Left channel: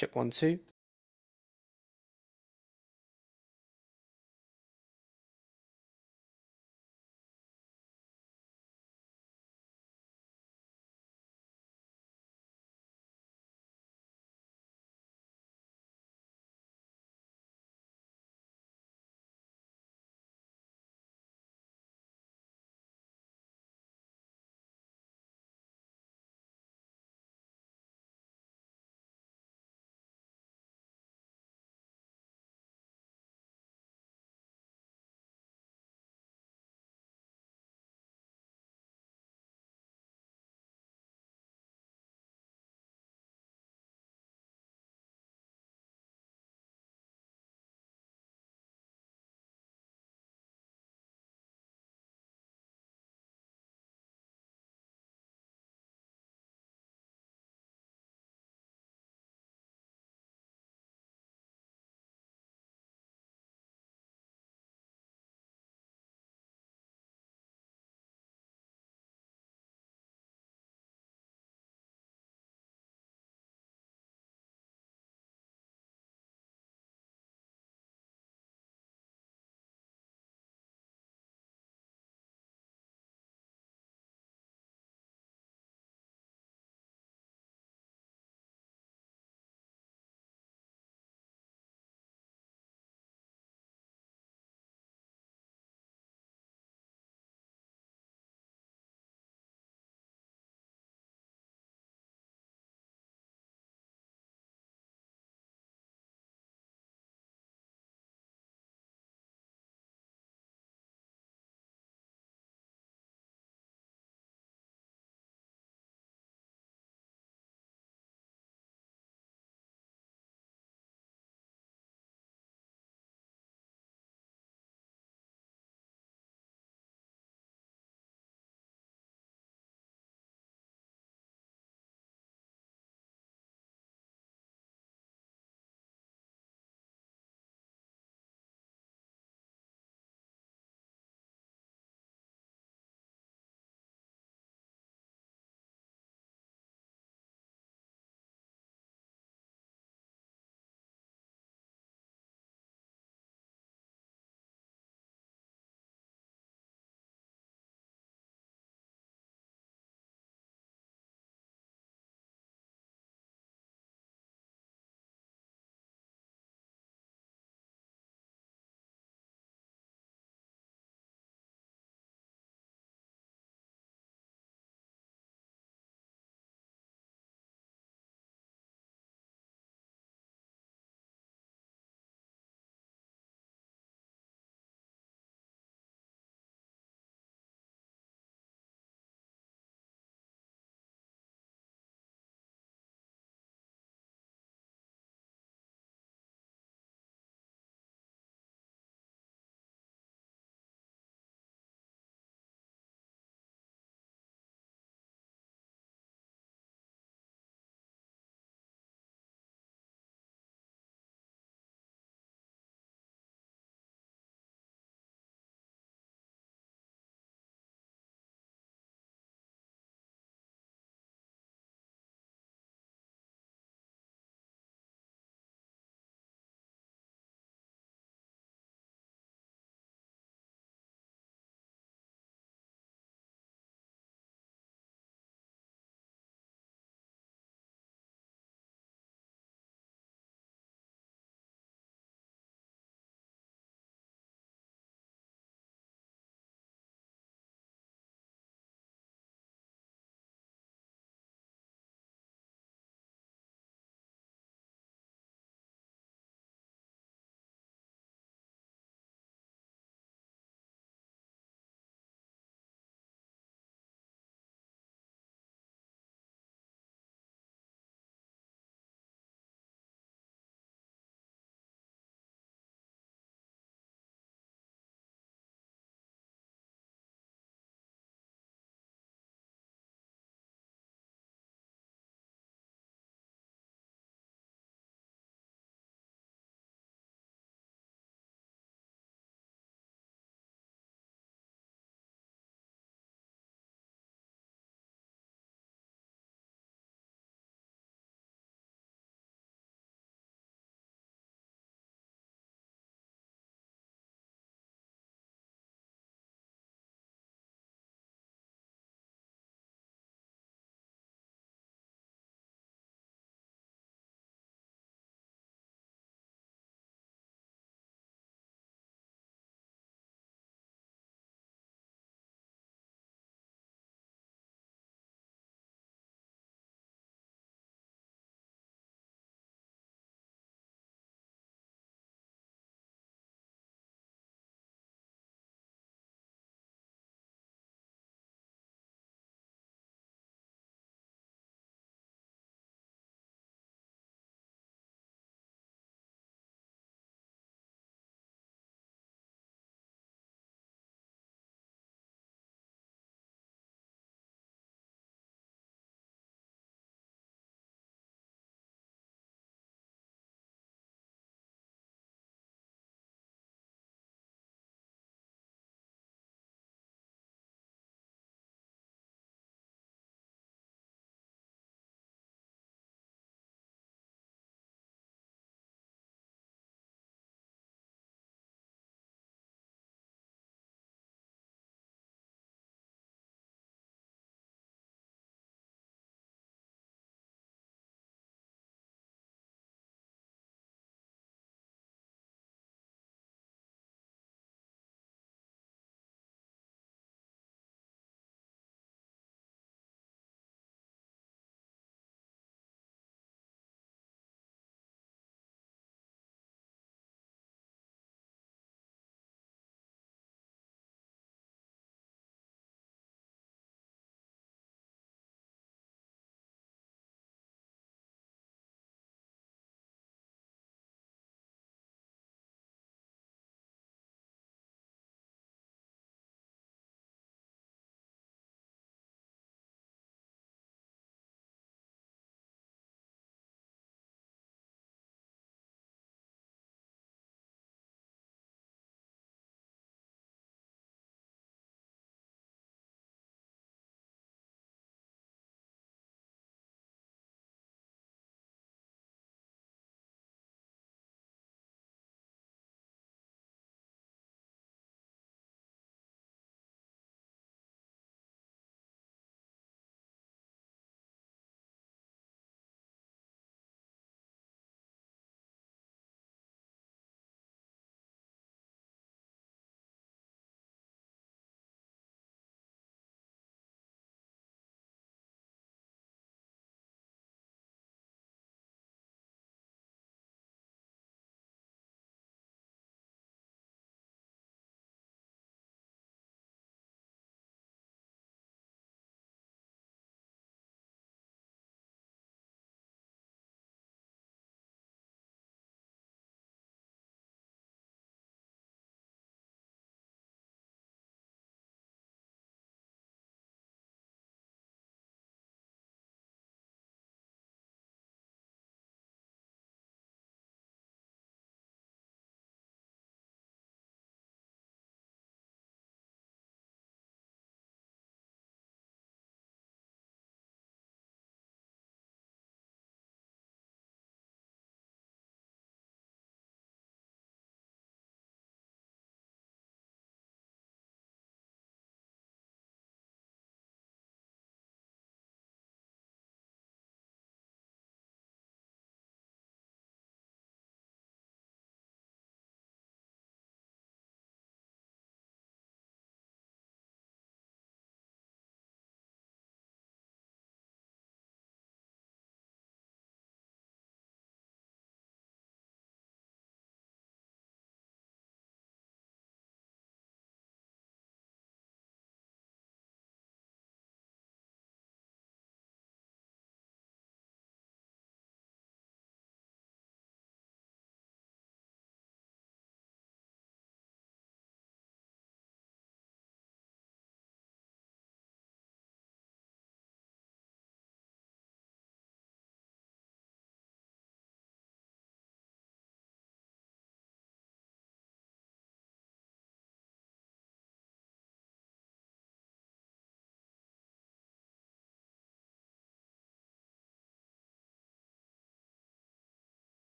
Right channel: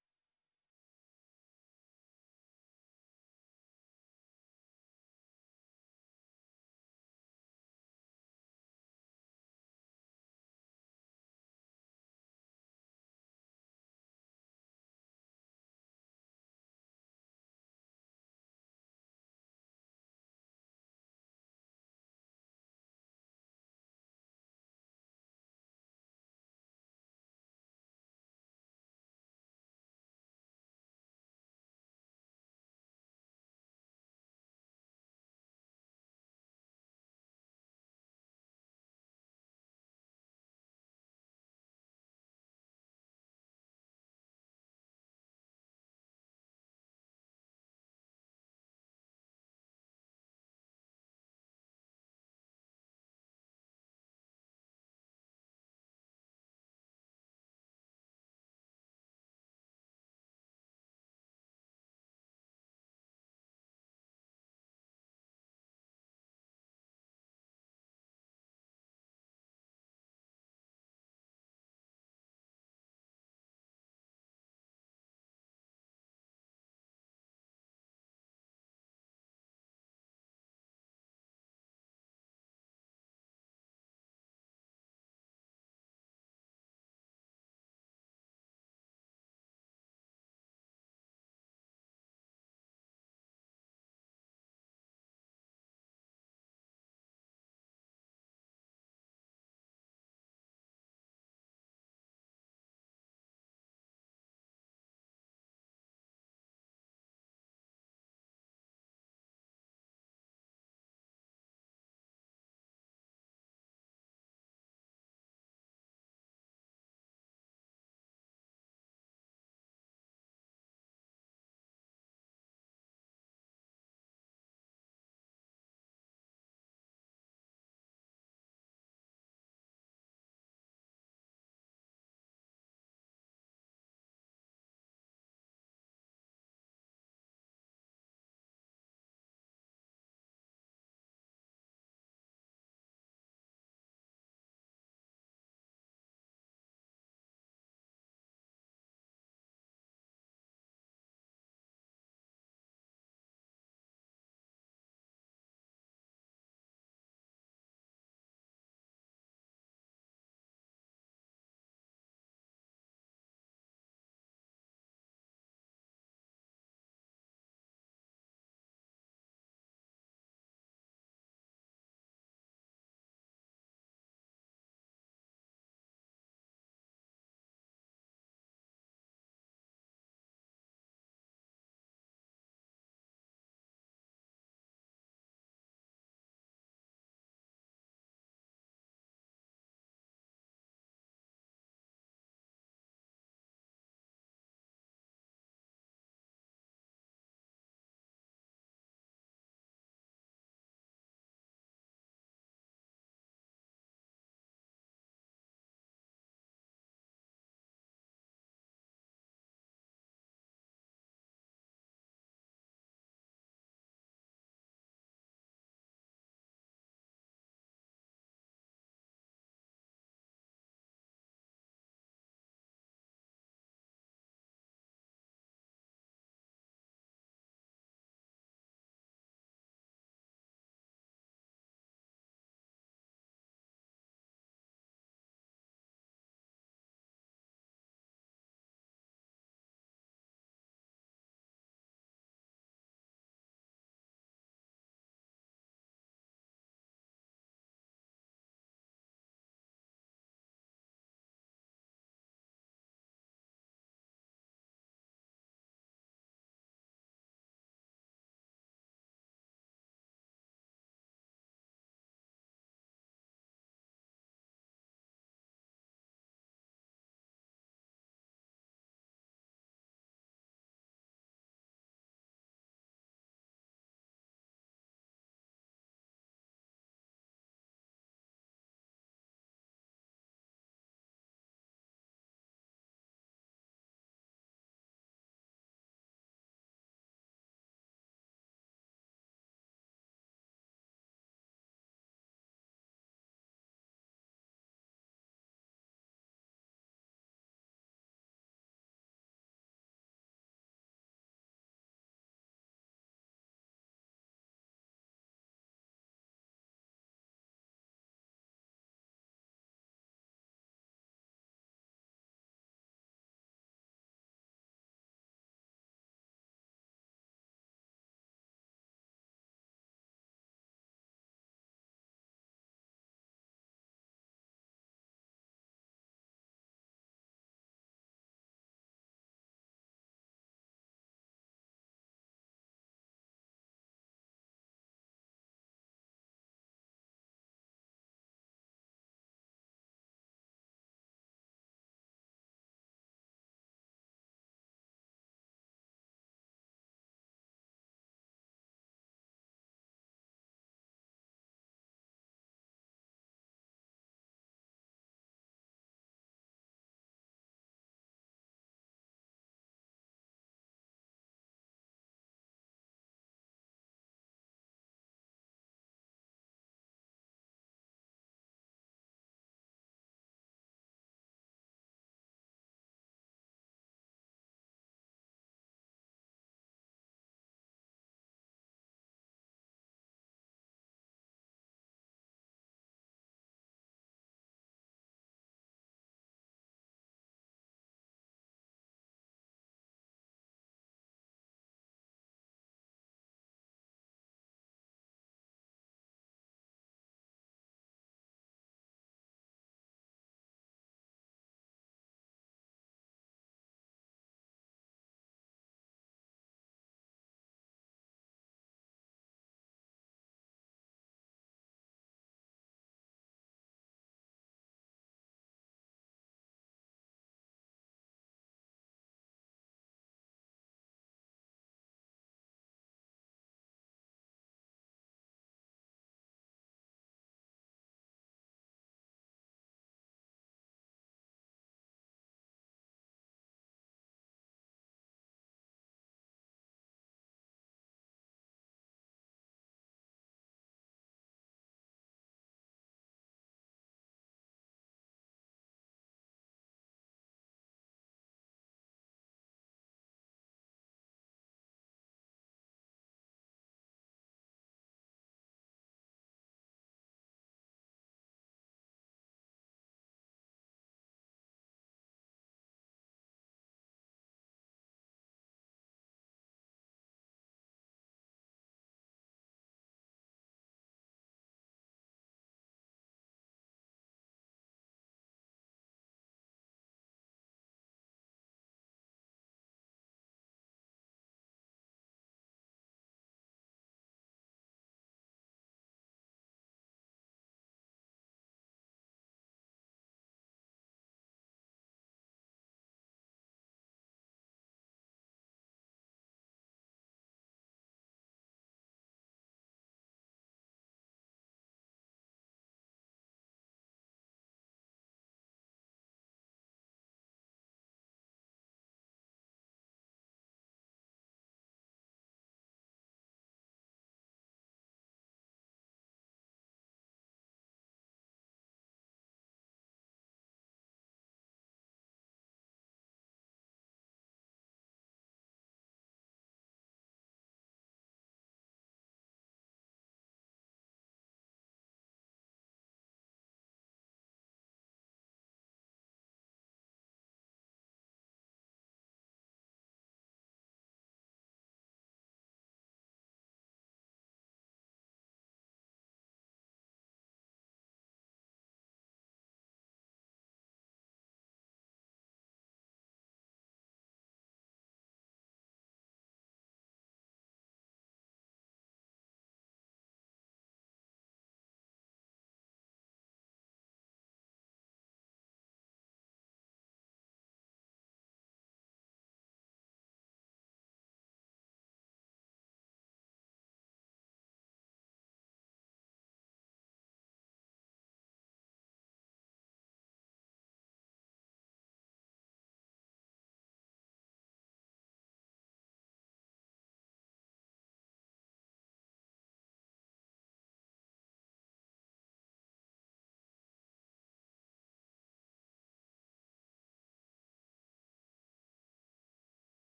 Check one, two.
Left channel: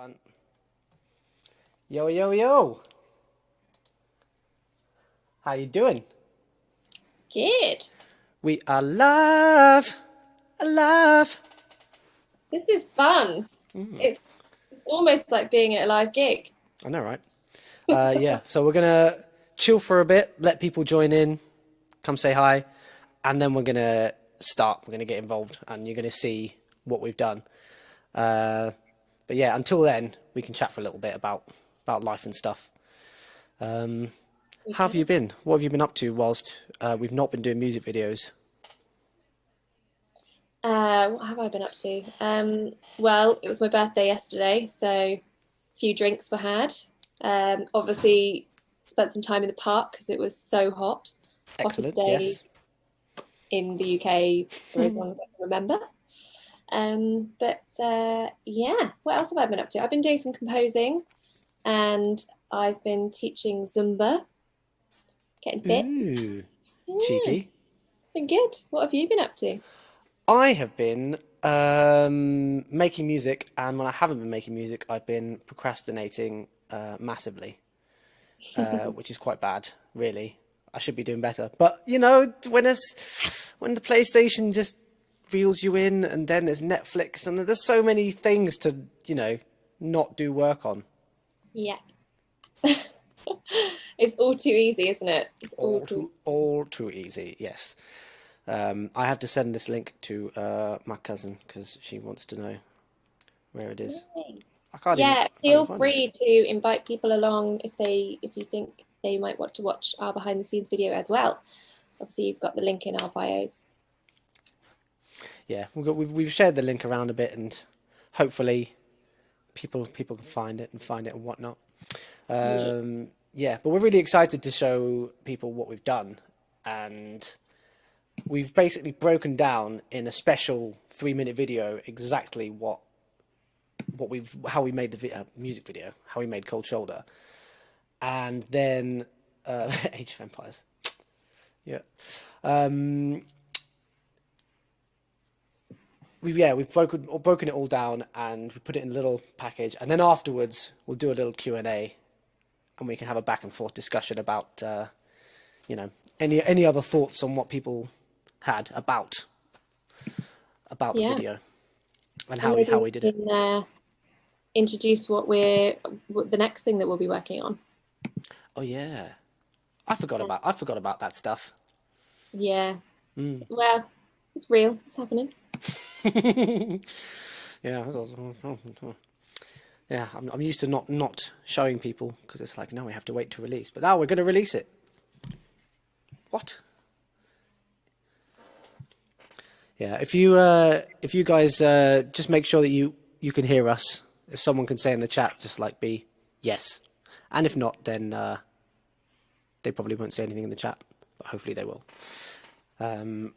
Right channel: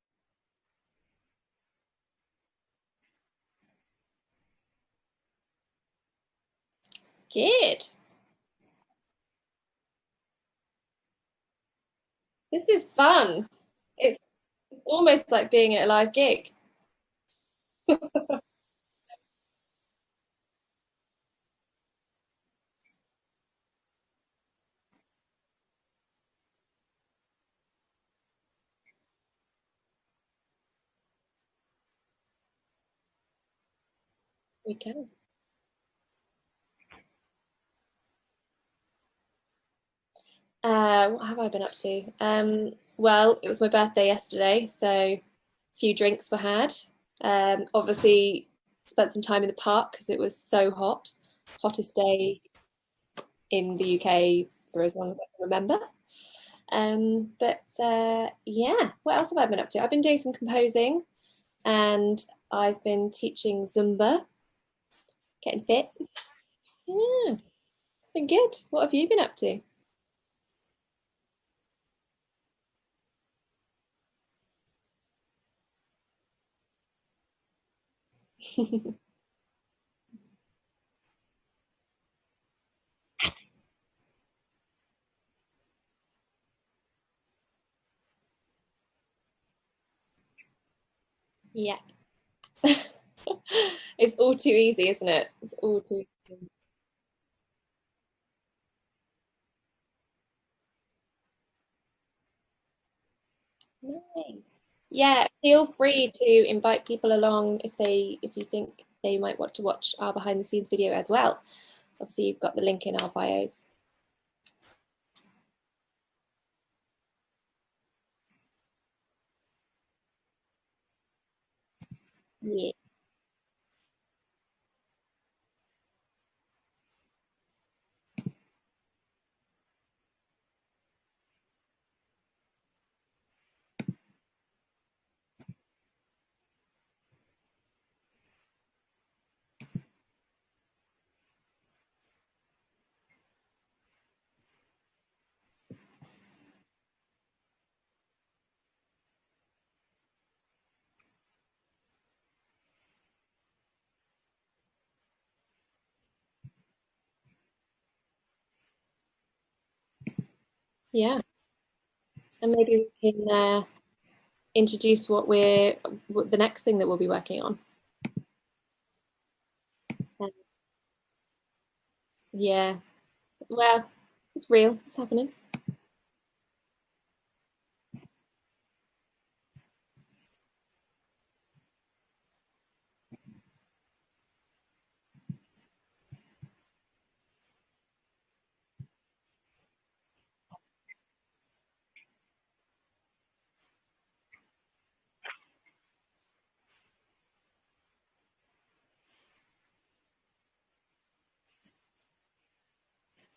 One. Yo, yo, yo. How you doing? Good. We are live. Alive. This is fun. It's almost like being at a live gig. I know, right? Yeah, so we're gonna chill for a bit, let people join in, come say hi, and then we're gonna start. We're gonna get involved, and you're gonna see what we've done. Uh, but yeah, until then, we can chat for a little bit about life and stuff. We How have you can. been? What have you been up to whilst we've not been doing music videos? What have I been up to? Well, it was my birthday yesterday, so a few drinks were had. Obviously, spent some time in the park because it was so hot. Hottest Excellent. day Yes. in the UK for as long as I can remember. But yeah, what else have I been up to? I've been doing some composing and I've been teaching Zumba, getting fit. Ooh, Yeah, cheeky. it's been good. What have you been up to? I have been making music, and when I haven't been making music, I've been procrastinating massively, which is quite bad, really. I should be doing better. But you know, when the PlayStation just reels you in, and then there's Netflix, and there's so many things to, you know, not do work on. Yeah. It's all too easy, isn't it? It's all too easy. All too easy. Yes. I have to send this link to my cousin because she wants to know where it is. Yay. I Yeah, can't even feel find it. free to invite people along if you think they might want to watch our behind the scenes video as well. Obviously, you've got the link in our bios. Yeah, we've shared the link around a bit, and hopefully people can find it and whatnot. Yeah. Yeah, but we're really excited to show people what we've done, and we've basically broken down in a special 3 minute video exactly what we've how we made the music video, how we made Cold Shoulder, and then Age of Empires. Yeah. Um, we've broken it all down, and we put it in a little package, and then afterwards we'll do a little Q&A, and we can have a back and forth discussion about you know, any other thoughts on what people had about the Yeah. video and And how maybe we did we it. can introduce what the next thing that we'll be working on. Oh yeah, Yeah. I forgot about that stuff. Yeah. Mm. Well, it's real. It's happening. Yeah, yeah. I'm used to not showing people because it's like, no, we have to wait to release, but now we're going to release it. What? Yeah, if you guys just make sure that you can hear us. If someone can say in the chat, just like be yes, and if not, then they probably won't say anything in the chat, but hopefully they will. Um,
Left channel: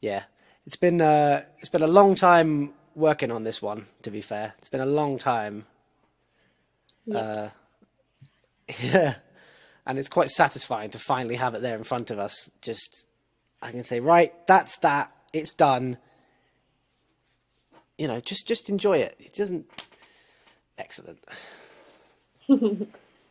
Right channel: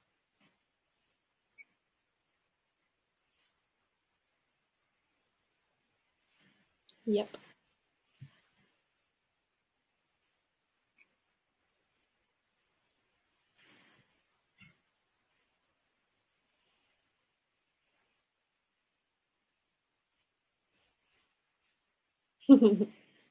yeah, it's been a long time working on this one. To be fair, it's been a long time. Yep. Yeah, and it's quite satisfying to finally have it there in front of us. Just I can say, right, that's that. It's done. You know, just enjoy it. It doesn't. Excellent.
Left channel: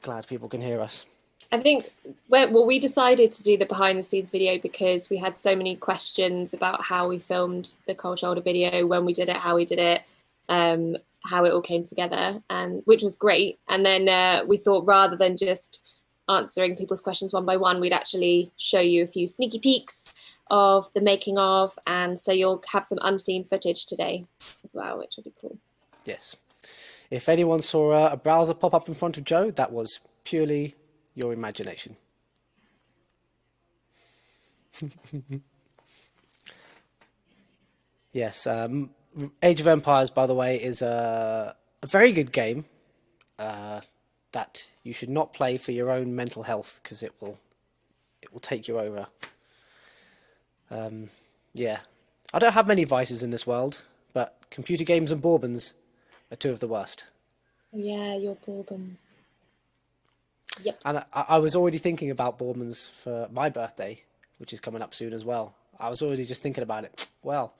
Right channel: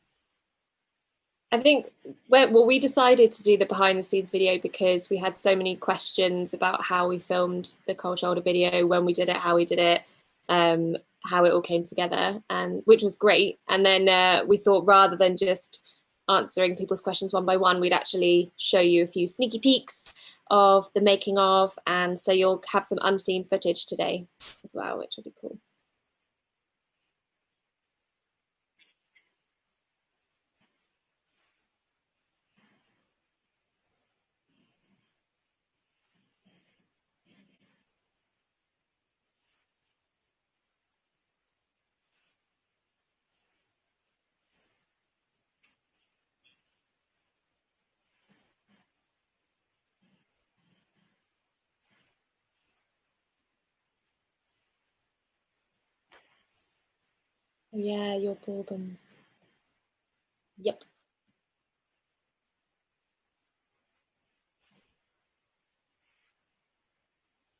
Glad people can hear us. I think we decided to do the behind the scenes video because we had so many questions about how we filmed the cold shoulder video, when we did it, how we did it, um, how it all came together, and which was great. And then we thought rather than just answering people's questions one by one, we'd actually show you a few sneaky peeks of the making of, and so you'll have some unseen footage today as well, which will be cool. Yes. If anyone saw a browser pop up in front of Joe, that was purely your imagination. Yes. Age of Empires, by the way, is a very good game uh, that you should not play for your own mental health because it will take you over. Yeah. I don't have many vices in this world, but computer games and bourbons are two of the worst. Yeah, your bourbons. Yep. And I was already thinking about bourbons for my birthday, which is coming up soon as well. I was already just thinking about it. Well,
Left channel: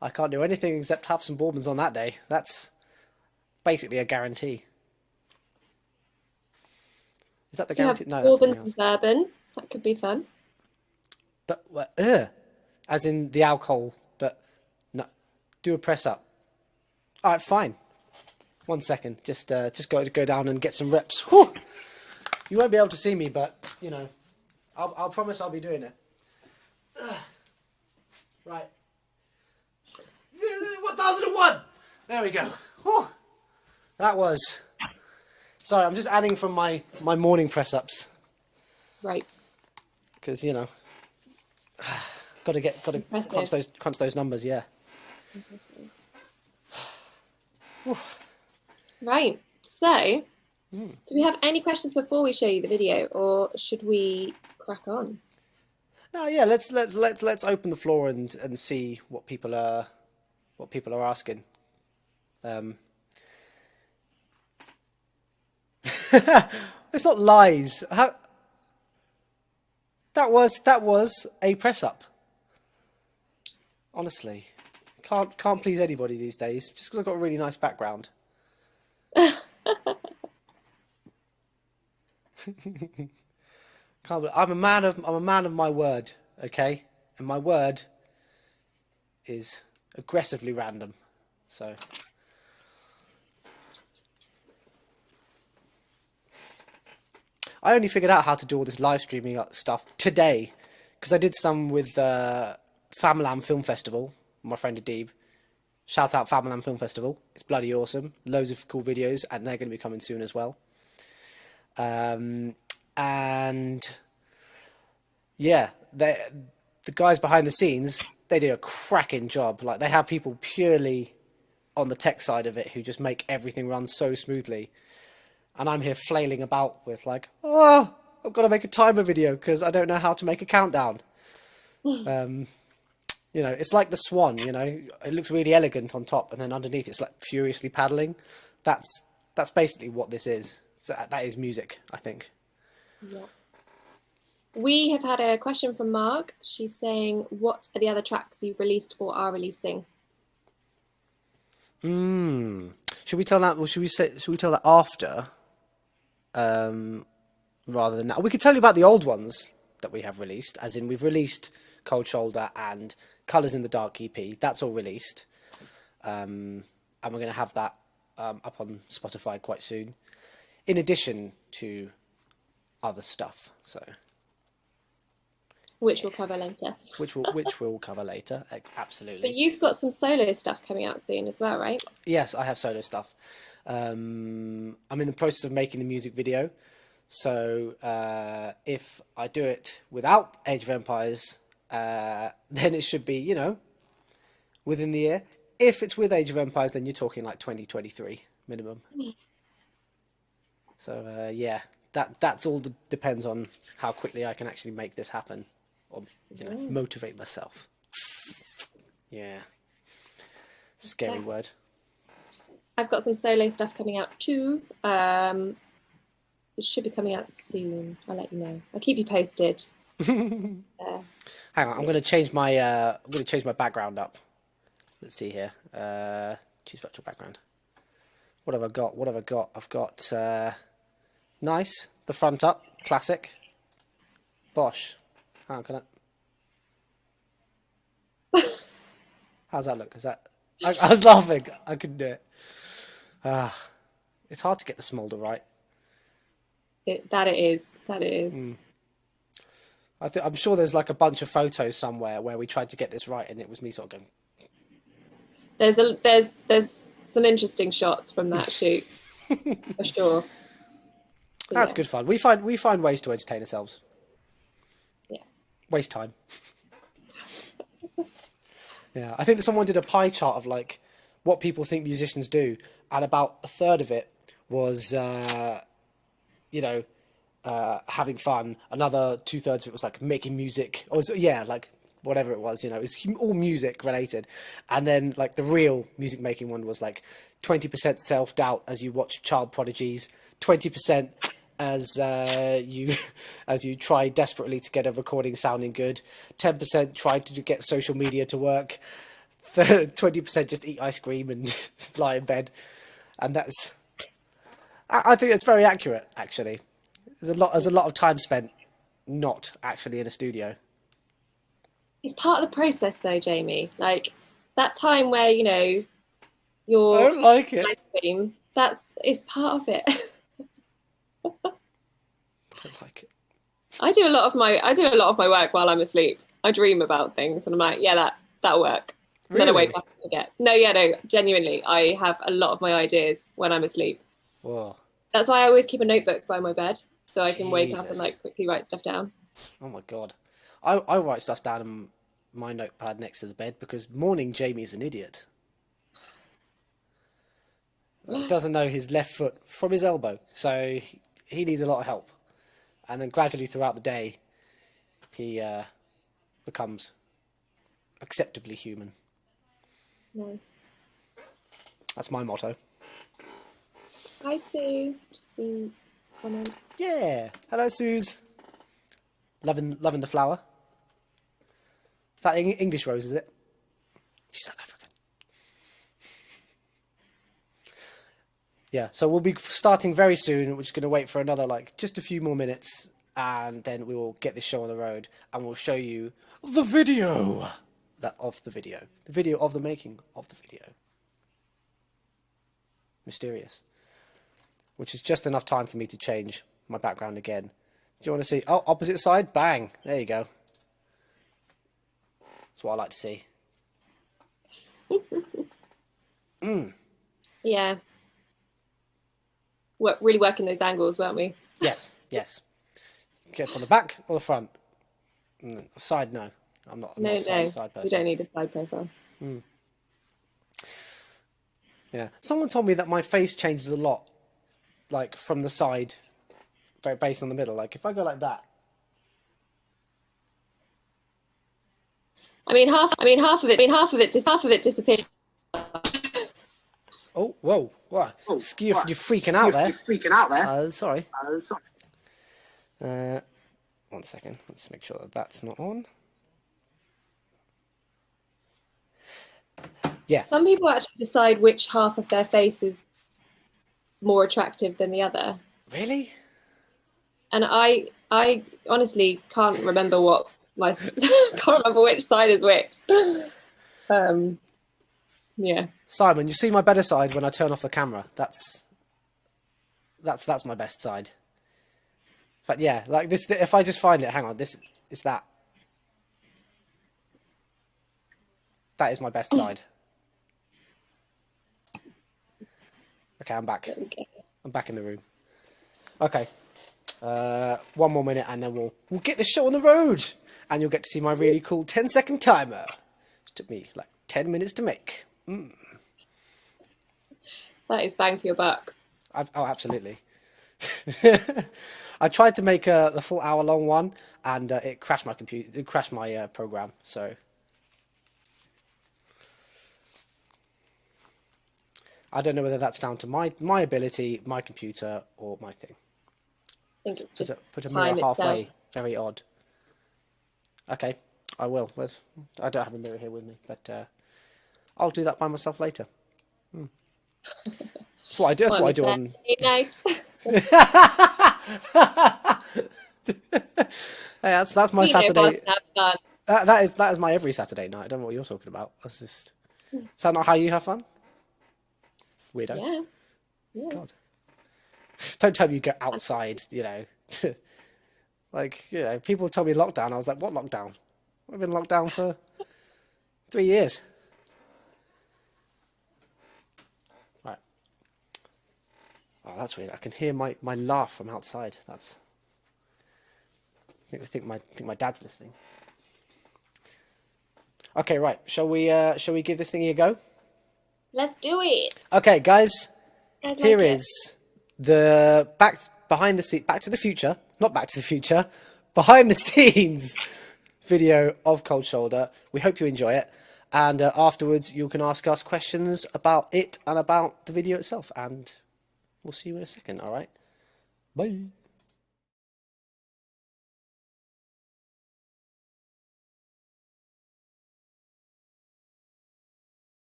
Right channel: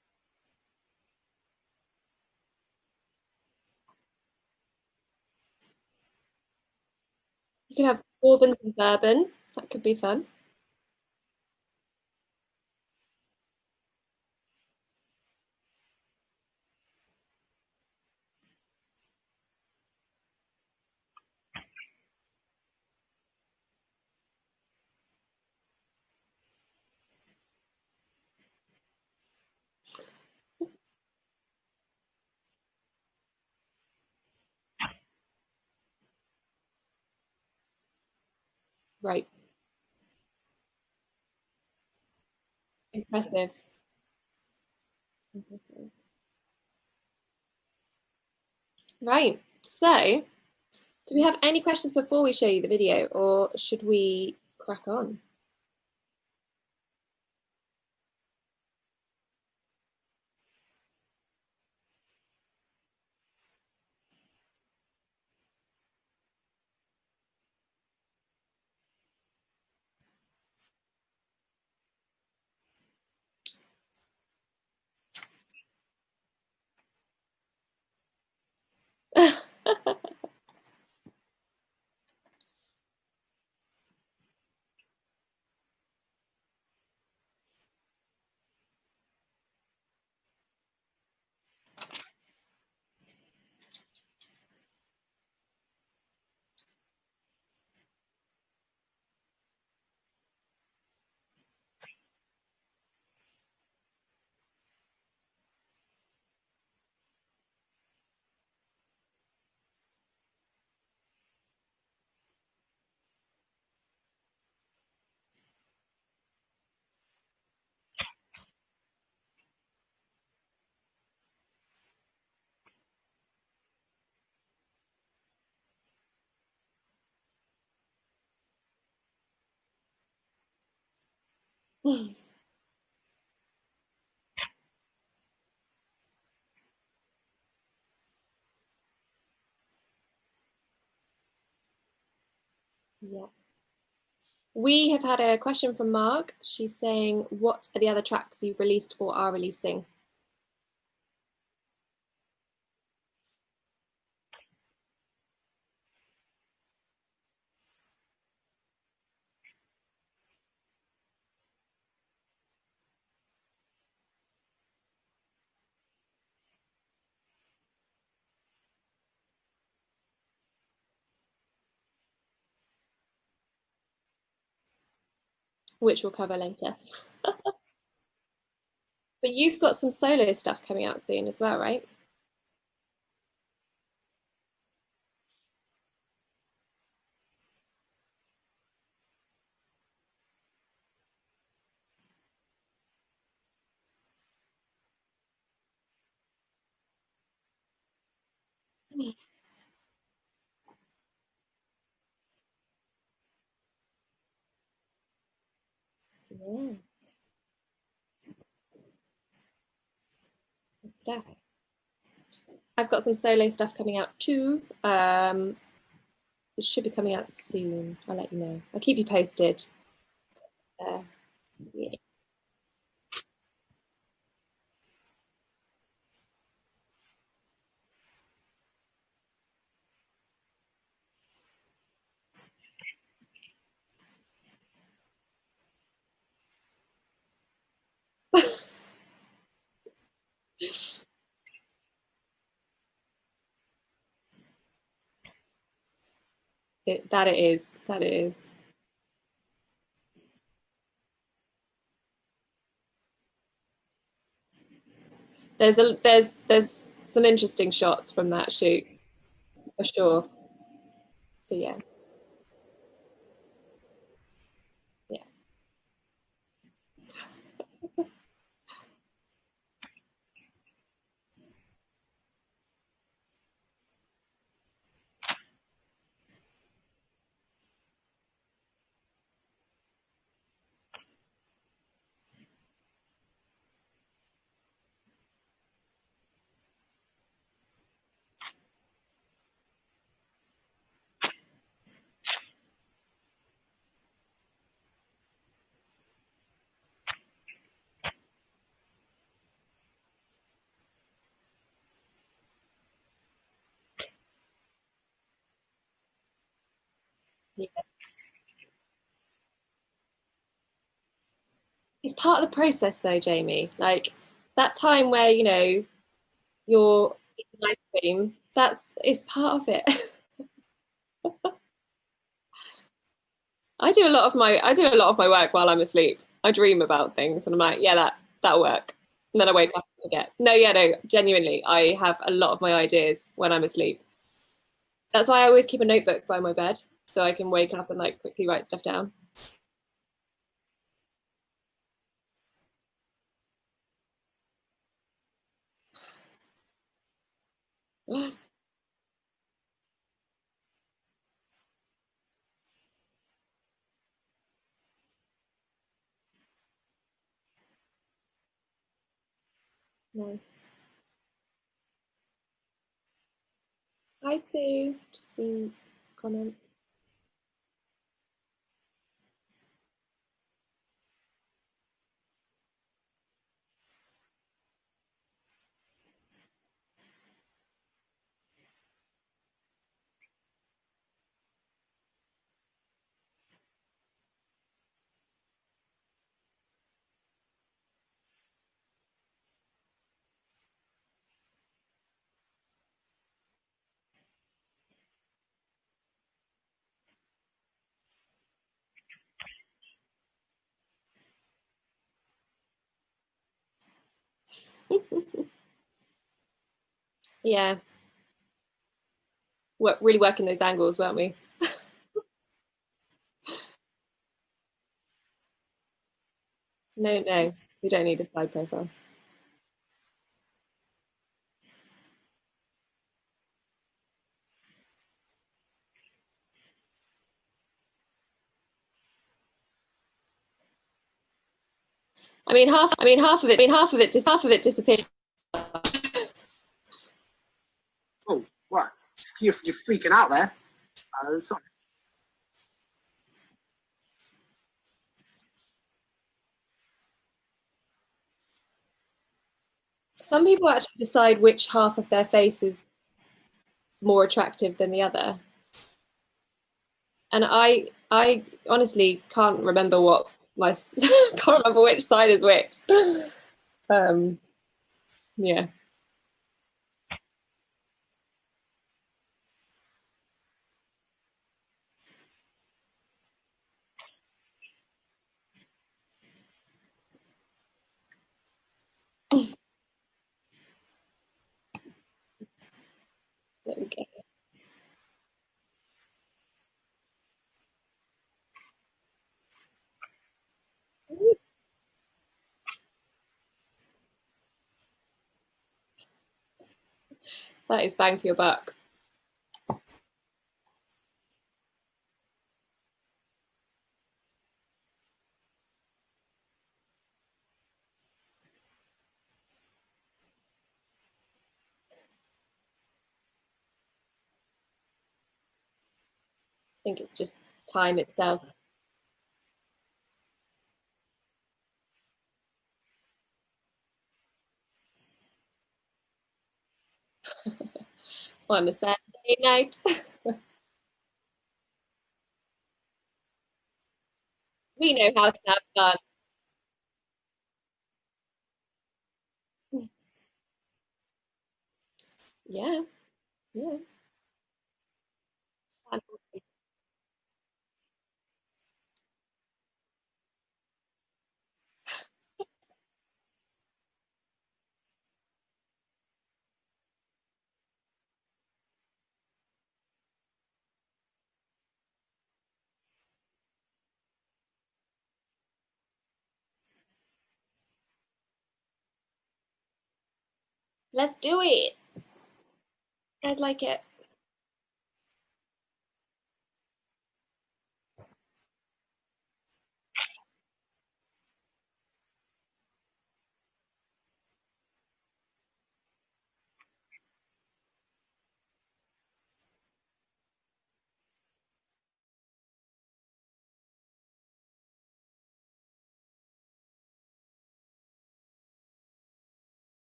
I can't do anything except have some bourbons on that day. That's basically a guarantee. Is that the You have guarantee? No, that's something bourbon else. and bourbon. That could be fun. But as in the alcohol. But no, do a press up. All right, fine. 1 second. Just got to go down and get some reps. Whew. You won't be able to see me, but you know, I'll promise I'll be doing it. Right. 1001. There we go. Whew. That was. Sorry, I'm just adding from my morning press ups Right. because you know, got to Impressive. crunch those numbers. Yeah. Right. So, do we have any questions before we show you the video, or should we crack on? No, yeah. Let's open the floor and see what people are asking. It's not lies. That was a press up. Honestly, can't please anybody these days. Just because I've got a really nice background. I'm a man of my word. Okay, and my word is aggressively random. So. I only figured out how to do all this live streaming stuff today because I did some with Famalam Film Festival. My friend Adib. Shout out Famalam Film Festival. It's bloody awesome. Loads of cool videos, and they're going to be coming soon as well. And yeah, the guys behind the scenes, they do a cracking job. Like they have people purely on the tech side of it who just make everything run so smoothly. And I'm here flailing about with like, oh, I've got to make a timer video because I don't know how to make a countdown. You know, it's like the Swan. You know, it looks really elegant on top, and then underneath it's like furiously paddling. That's basically what this is. That is music, I think. Yeah. We have had a question from Marg. She's saying, "What are the other tracks you've released or are releasing?" Should we tell that? Or should we tell that after? Rather than now, we could tell you about the old ones that we have released. As in, we've released Cold Shoulder and Colours in the Dark EP. That's all released, and we're going to have that up on Spotify quite soon. In addition to other stuff, so Which we'll cover later. which we'll cover later. Absolutely. But you've got some solo stuff coming out soon as well, right? Yes, I have solo stuff. I'm in the process of making the music video. So if I do it without Age of Empires, then it should be, you know, within the year. If it's with Age of Empires, then you're talking like 2023 minimum. So yeah, that's all depends on how quickly I can actually make this happen, or you know, motivate myself. Yeah, scary word. I've got some solo stuff coming out too. It should be coming out soon. I'll let you know. I'll keep you posted. Hang on, I'm going to change my background up. Let's see here. Choose virtual background. What have I got? I've got nice. The front up, classic. Bosh. Hang on, can I? How's that look? Is that? I was laughing. I couldn't do it. It's hard to get the smolder right. That it is. I'm sure there's like a bunch of photos somewhere where we tried to get this right, and it was me sort of going. There's some interesting shots from that shoot for sure. But That's yeah. good fun. We find ways to entertain ourselves. Yeah. Waste time. Yeah, I think that someone did a pie chart of like what people think musicians do, and about a third of it was, you know, having fun. Another 2/3 of it was like making music, or like whatever it was. You know, it was all music related. And then like the real music making one was like 20% self doubt as you watch child prodigies, 20% as you try desperately to get a recording sounding good, 10% trying to get social media to work, 20% just eat ice cream and lie in bed, And that's, I think it's very accurate, actually. There's a lot of time spent not actually in a studio. It's part of the process, though, Jamie. Like that time where I you're don't like it. live stream. That's it's part of it. I don't like it. I do a lot of my work while I'm asleep. I dream about things, and I'm like, yeah, that'll work. And then I Really? wake up and forget. No, yeah, no, genuinely, I have a lot of my ideas when I'm asleep. Whoa. That's why I always keep a notebook by my bed so I can wake up and Jesus. like quickly write stuff down. Oh my God. I write stuff down in my notepad next to the bed because morning Jamie is an idiot. Doesn't know his left foot from his elbow, so he needs a lot of help. And then gradually throughout the day, he becomes acceptably human. No, That's my motto. I do. Just seen comment. Yeah. Hello, Suze. Loving the flower. Is that English rose, is it? She's South African. Yeah, so we'll be starting very soon. We're just going to wait for another, just a few more minutes, and then we will get this show on the road, and we'll show you the video of the video. The video of the making of the video. Mysterious. Which is just enough time for me to change my background again. Do you want to see? Oh, opposite side? Bang. There you go. That's what I like to see. Yeah. Really working those angles, weren't we? Yes, yes. Get from the back or the front? Side, no. I'm not No, a side person. you don't need a side profile. Yeah. Someone told me that my face changes a lot, from the side, based on the middle. Like if I go like that. Half of it disappears. Oh, whoa, what? Oh, You're what? freaking out there. You're freaking out there. Sorry. Sorry. 1 second. Let's make sure that that's not on. Yeah. Some people actually decide which half of their face is more attractive than the other. Really? And I honestly can't remember can't remember which side is which. Yeah. Simon, you see my better side when I turn off the camera. That's my best side. But yeah, like this. If I just find it, hang on. This is that. That is my best side. Okay, I'm back. I'm back in the room. Okay. 1 more minute and then we'll get this show on the road. And you'll get to see my really cool 10-second timer. It took me 10 minutes to make. That is bang for your buck. Oh, absolutely. I tried to make the full hour-long one, and it crashed my computer. It crashed my program. So I don't know whether that's down to my ability, my computer, or my thing. I think it's just Put a time mirror halfway. itself. Very odd. Okay, I will. I don't have a mirror here with me, but I'll do that by myself later. That's what I do. That's what I do on. Night. Hey, that's my Saturday. Fun. That is my every Saturday night. I don't know what you're talking about. That's just. Is that not how you have fun? Weirdo. Yeah. Yeah. God. Don't tell me you go outside. People told me lockdown. I was like, what lockdown? I've been locked down for 3 years. Right. Oh, that's weird. I can hear my laugh from outside. I think my dad's listening. Okay, right. Shall we give this thingy a go? Let's do it. Okay, guys. Here it. is the Back to the Future, not Back to the Future, behind the scenes video of Cold Shoulder. We hope you enjoy it, and afterwards you can ask us questions about it and about the video itself, and we'll see you in a second. All right, bye.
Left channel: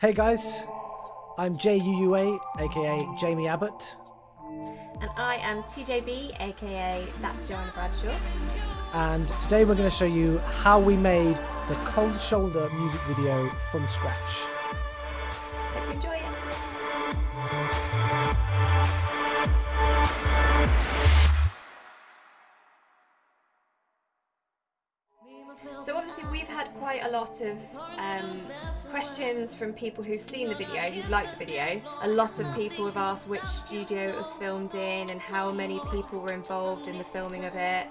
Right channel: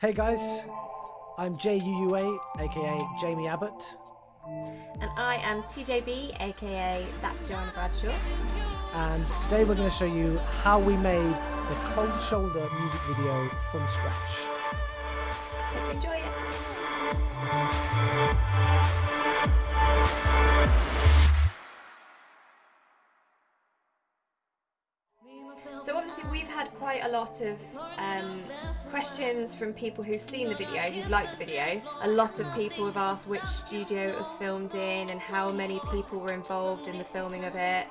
Hey guys, I'm JUUA, aka Jamie Abbott, And I am TJB, aka That Joanna Bradshaw. and today we're going to show you how we made the Cold Shoulder music video from scratch. Hope you enjoy it. So obviously we've had quite a lot of questions from people who've seen the video, who've liked the video. A lot of people have asked which studio it was filmed in and how many people were involved in the filming of it.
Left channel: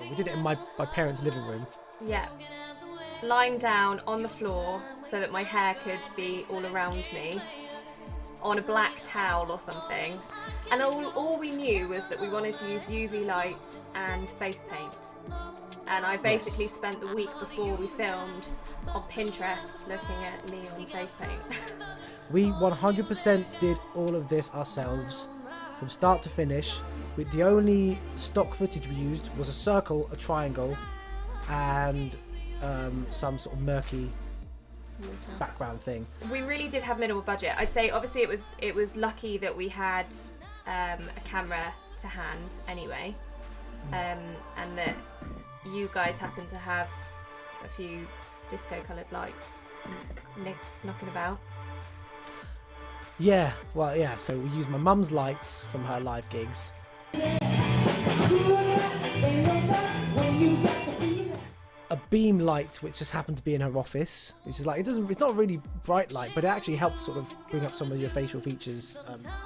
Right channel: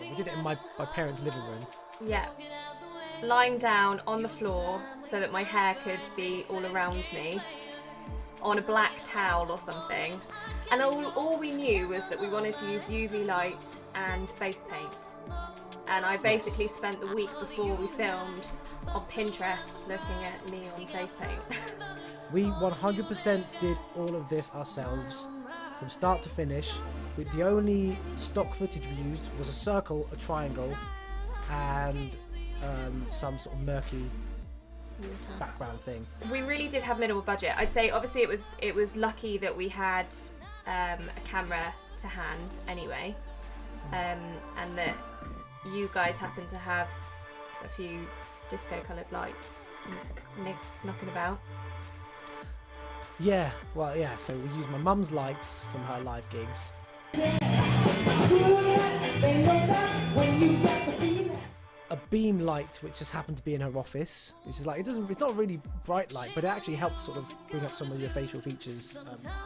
We did it in my parents' living room. Yeah. Lying down on the floor so that my hair could be all around me on a black towel or something. And all we knew was that we wanted to use UV lights and face paint. And I basically spent the week before we filmed on Pinterest looking at neon face paint. We 100% did all of this ourselves from start to finish. With the only stock footage we used was a circle, a triangle, and some sort of murky background thing. We really did have minimal budget. I'd say obviously it was lucky that we had a camera to hand anyway, and that you guys happen to have a few disco coloured lights knocking about. Yeah, well, yeah, so we used my mum's lights from her live gigs. A beam light which just happened to be in her office, which is like, it's not really bright light, but it actually helps sort of bring up some of your facial features.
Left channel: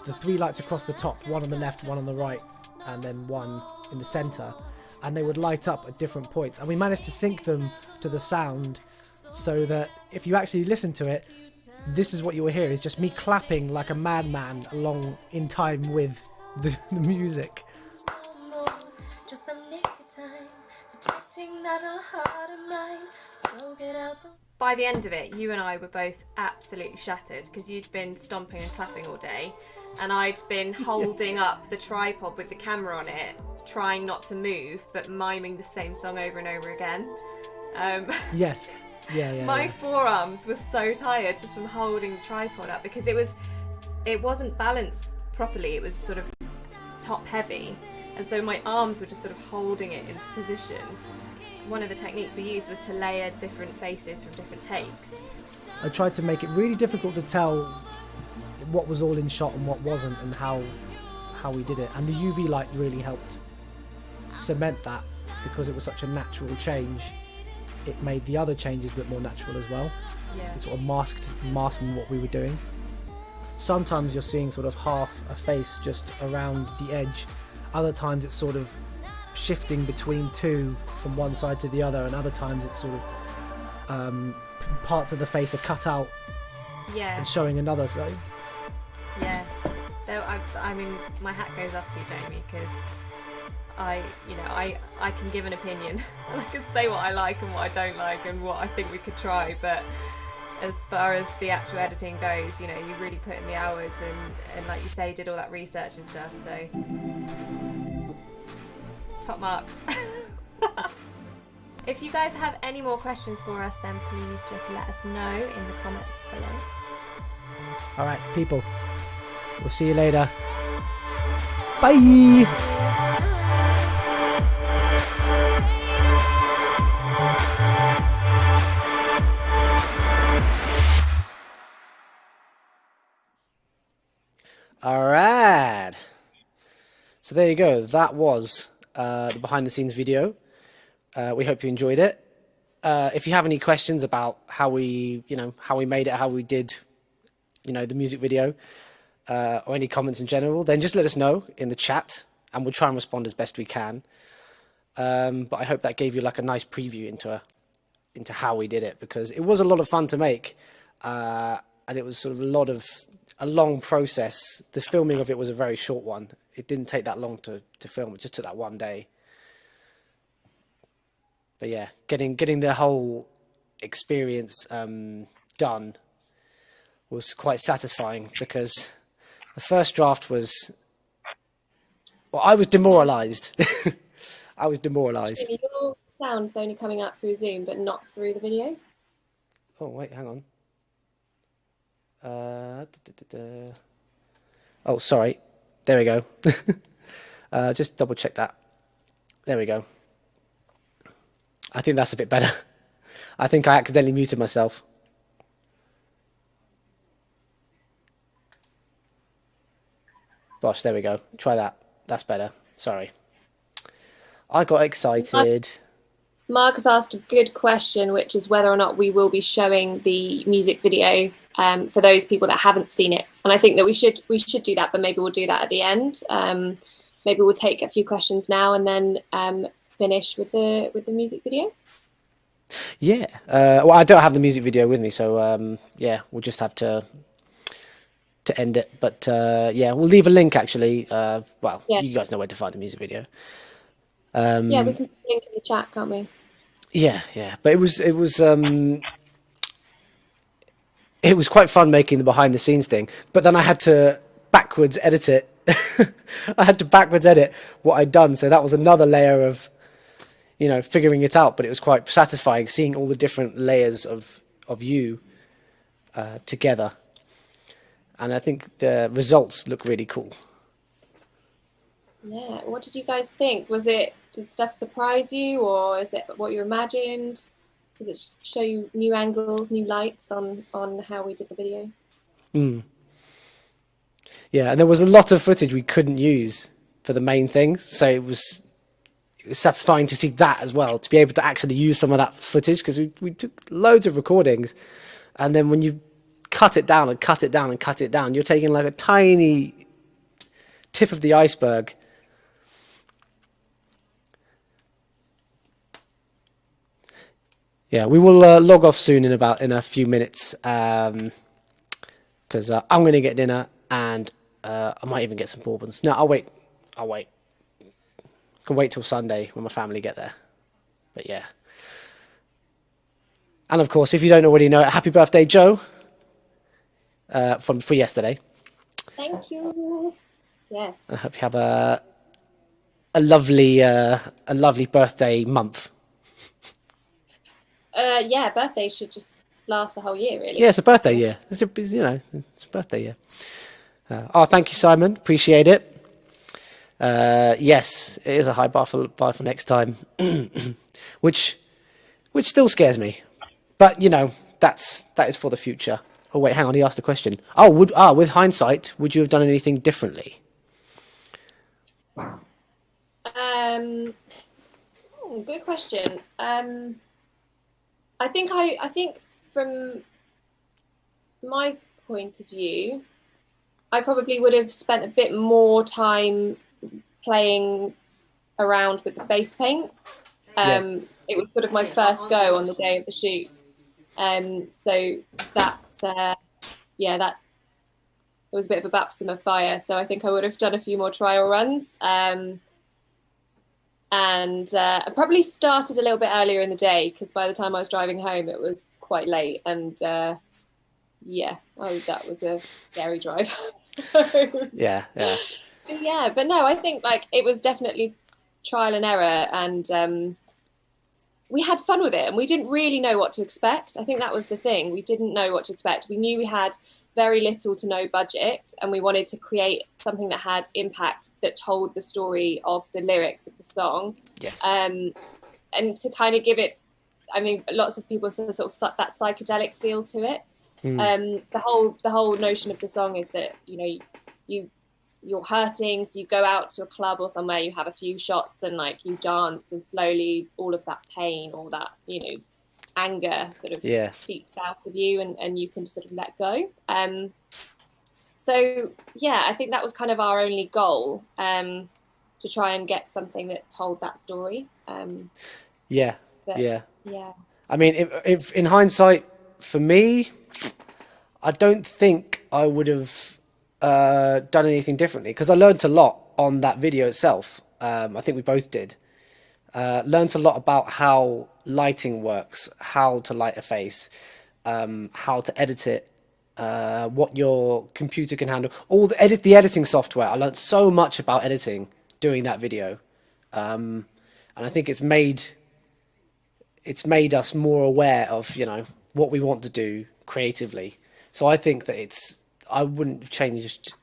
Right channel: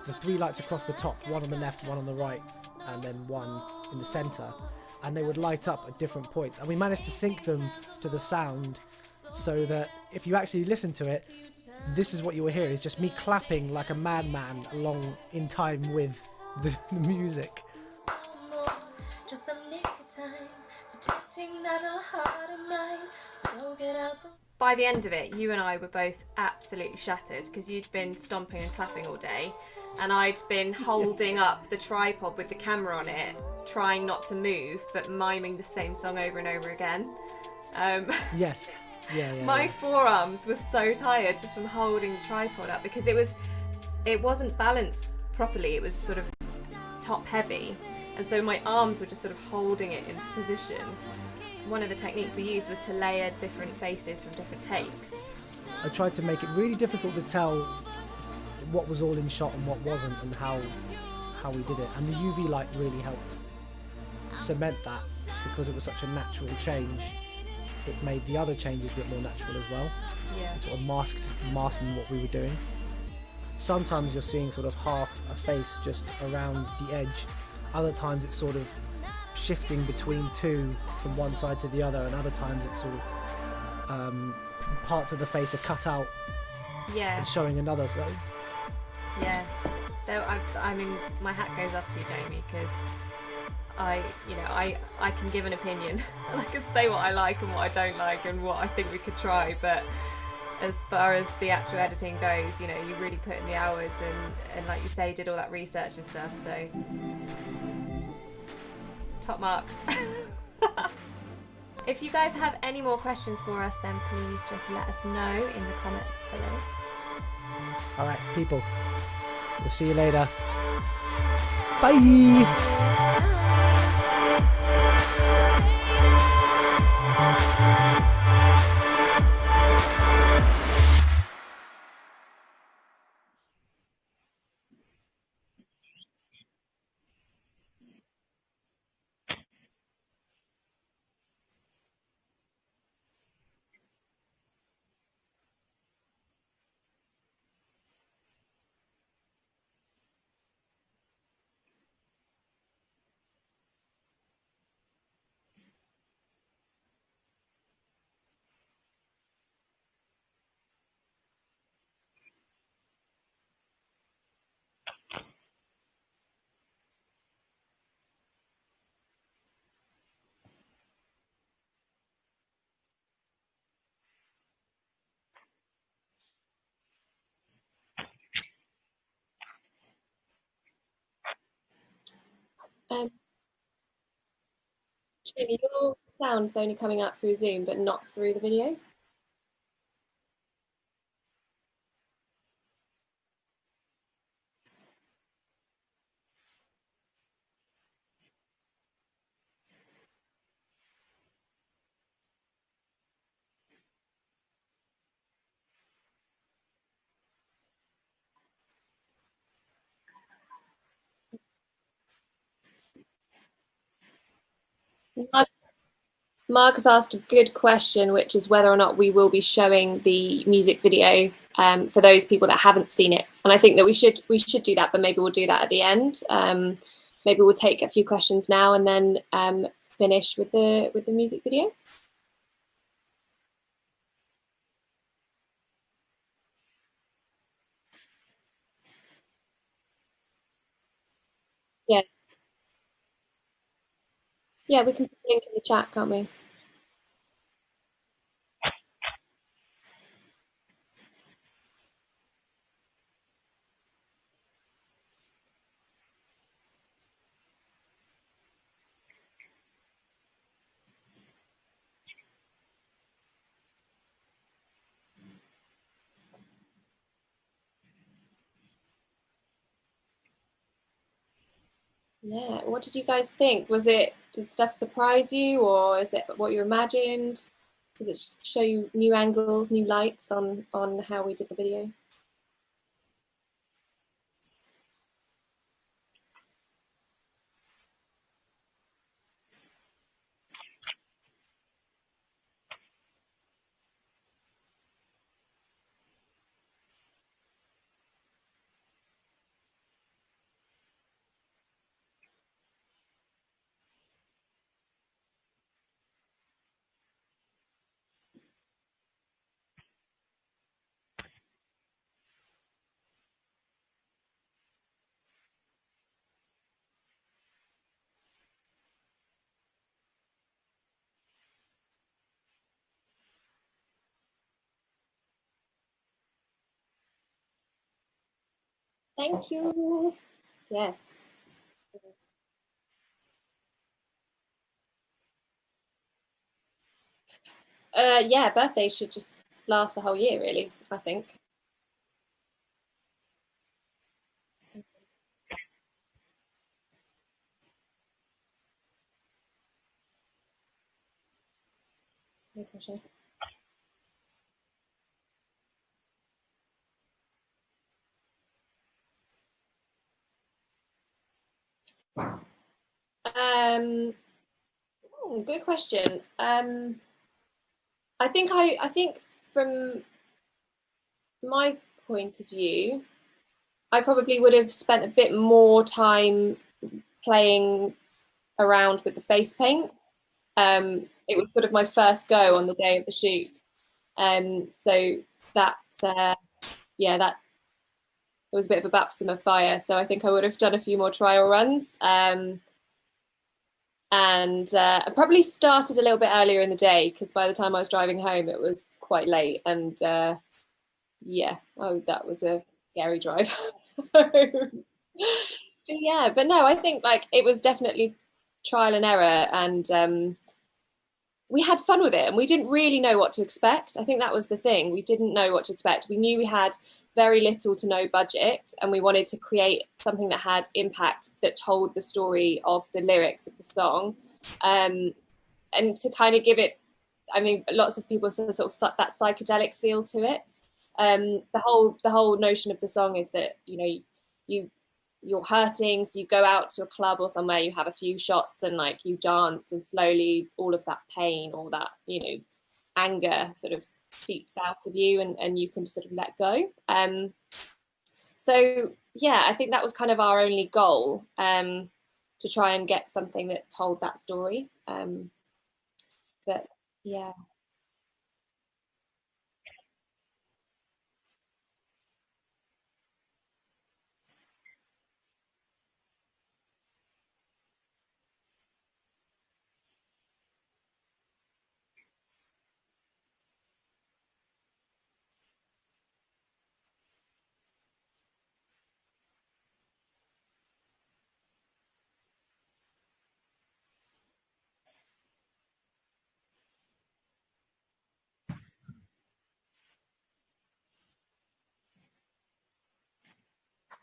The 3 lights across the top, one on the left, one on the right, and then one in the center, and they would light up at different points, and we managed to sync them to the sound so that if you actually listen to it, this is what you will hear, is just me clapping like a madman along in time with the music. Just a nick of time, protecting that little heart of mine. So get out the By the end of it, you and I were both absolutely shattered because you'd been stomping and clapping all day, and I'd been holding up the tripod with the camera on it, trying not to move, but miming the same song over and over again. Yes. Yeah. My forearms were so tired just from holding the tripod up because it wasn't balanced properly. It was sort of top heavy, and so my arms were just sort of holding it into position. One of the techniques we used was to layer different faces from different takes. I tried to make it really difficult to tell what was all in shot and what wasn't, and how we did it. And the UV light really helped cement that because it was such a natural change. It made the other changes a bit more natural as well. Yeah. It sort of masking what we were doing. Sometimes you're seeing sort of half a face just around the edge. Other times it's sort of shifting between two from one side to the other, and other times it's sort of parts of the face are cut out Yeah. and showing another side. Yeah. Though I mean, my hat goes off to you, Jamie, because I can give an opinion and I can say what I like and what I don't like and what I think we could try, but as far as the actual editing goes, you really put in the hours and like you say, did all that research and stuff, so top marks. If you guys have any more questions for us, then please just let us know in the comments below. All right, people, we'll see you later. Bye. All right. So there you go. That was the behind the scenes video. We hope you enjoyed it. If you have any questions about how we made it, how we did, the music video, or any comments in general, then just let us know in the chat and we'll try and respond as best we can. But I hope that gave you like a nice preview into how we did it, because it was a lot of fun to make. And it was sort of a long process. The filming of it was a very short one. It didn't take that long to film. It just took that one day. But yeah, getting the whole experience done was quite satisfying, because the first draft was, well, I was demoralized. I was demoralized. Jamie, your sound's only coming out through Zoom, but not through the video. Oh, wait, hang on. Oh, sorry. There we go. Just double check that. There we go. I think that's a bit better. I think I accidentally muted myself. Gosh, there we go. Try that. That's better. Sorry. I got excited. Mark has asked a good question, which is whether or not we will be showing the music video for those people that haven't seen it. And I think that we should do that, but maybe we'll do that at the end. Maybe we'll take a few questions now and then finish with the music video. Yeah. Well, I don't have the music video with me, so yeah, we'll just have to end it. But yeah, we'll leave a link actually. Well, Yeah. you guys know where to find the music video. Yeah, we can put a link in the chat, can't we? Yeah, yeah. But it was quite fun making the behind the scenes thing. But then I had to backwards edit it. I had to backwards edit what I'd done, so that was another layer of, you know, figuring it out. But it was quite satisfying seeing all the different layers of you together. And I think the results look really cool. Yeah. What did you guys think? Did stuff surprise you, or is it what you imagined? Does it show you new angles, new lights on how we did the video? Yeah, and there was a lot of footage we couldn't use for the main things, so it was satisfying to see that as well, to be able to actually use some of that footage, because we took loads of recordings, and then when you cut it down and cut it down and cut it down, you're taking like a tiny tip of the iceberg. Yeah, we will log off soon in a few minutes, because I'm going to get dinner, and I might even get some bourbons. No, I'll wait. Can wait till Sunday when my family get there. But yeah. And of course, if you don't already know it, happy birthday, Joe, for yesterday. Thank you. Yes. I hope you have a lovely birthday month. Yeah, birthdays should just last the whole year, really. Yeah, it's a birthday year. It's a birthday year. Oh, thank you, Simon. Appreciate it. Yes, it is a high bar for next time, which still scares me. But you know, that is for the future. Oh wait, hang on. He asked a question. Oh, with hindsight, would you have done anything differently? Good question. I think from my point of view, I probably would have spent a bit more time playing around with the face paint. It was sort of my first go on the day of the shoot. So that it was a bit of a baptism of fire. So I think I would have done a few more trial runs. And I probably started a little bit earlier in the day, because by the time I was driving home, it was quite late. And that was a scary drive. Yeah. Yeah, but no, I think like it was definitely trial and error, and we had fun with it, and we didn't really know what to expect. I think that was the thing. We didn't know what to expect. We knew we had very little to no budget, and we wanted to create something that had impact, that told the story of the lyrics of the song. Yes. And to kind of give it, I mean, lots of people say sort of that psychedelic feel to it. The whole notion of the song is that, you know, you're hurting, so you go out to a club or somewhere, you have a few shots, and like you dance, and slowly all of that pain, all that, you know, anger sort of seeps out of you, and you can sort of let go. So yeah, I think that was kind of our only goal, to try and get something that told that story. Yeah. I mean, if in hindsight, for me, I don't think I would have done anything differently, because I learned a lot on that video itself. I think we both did. Learned a lot about how lighting works, how to light a face, how to edit it, what your computer can handle, all the editing software. I learned so much about editing doing that video, and I think it's made us more aware of, you know, what we want to do creatively. So I think that I wouldn't have changed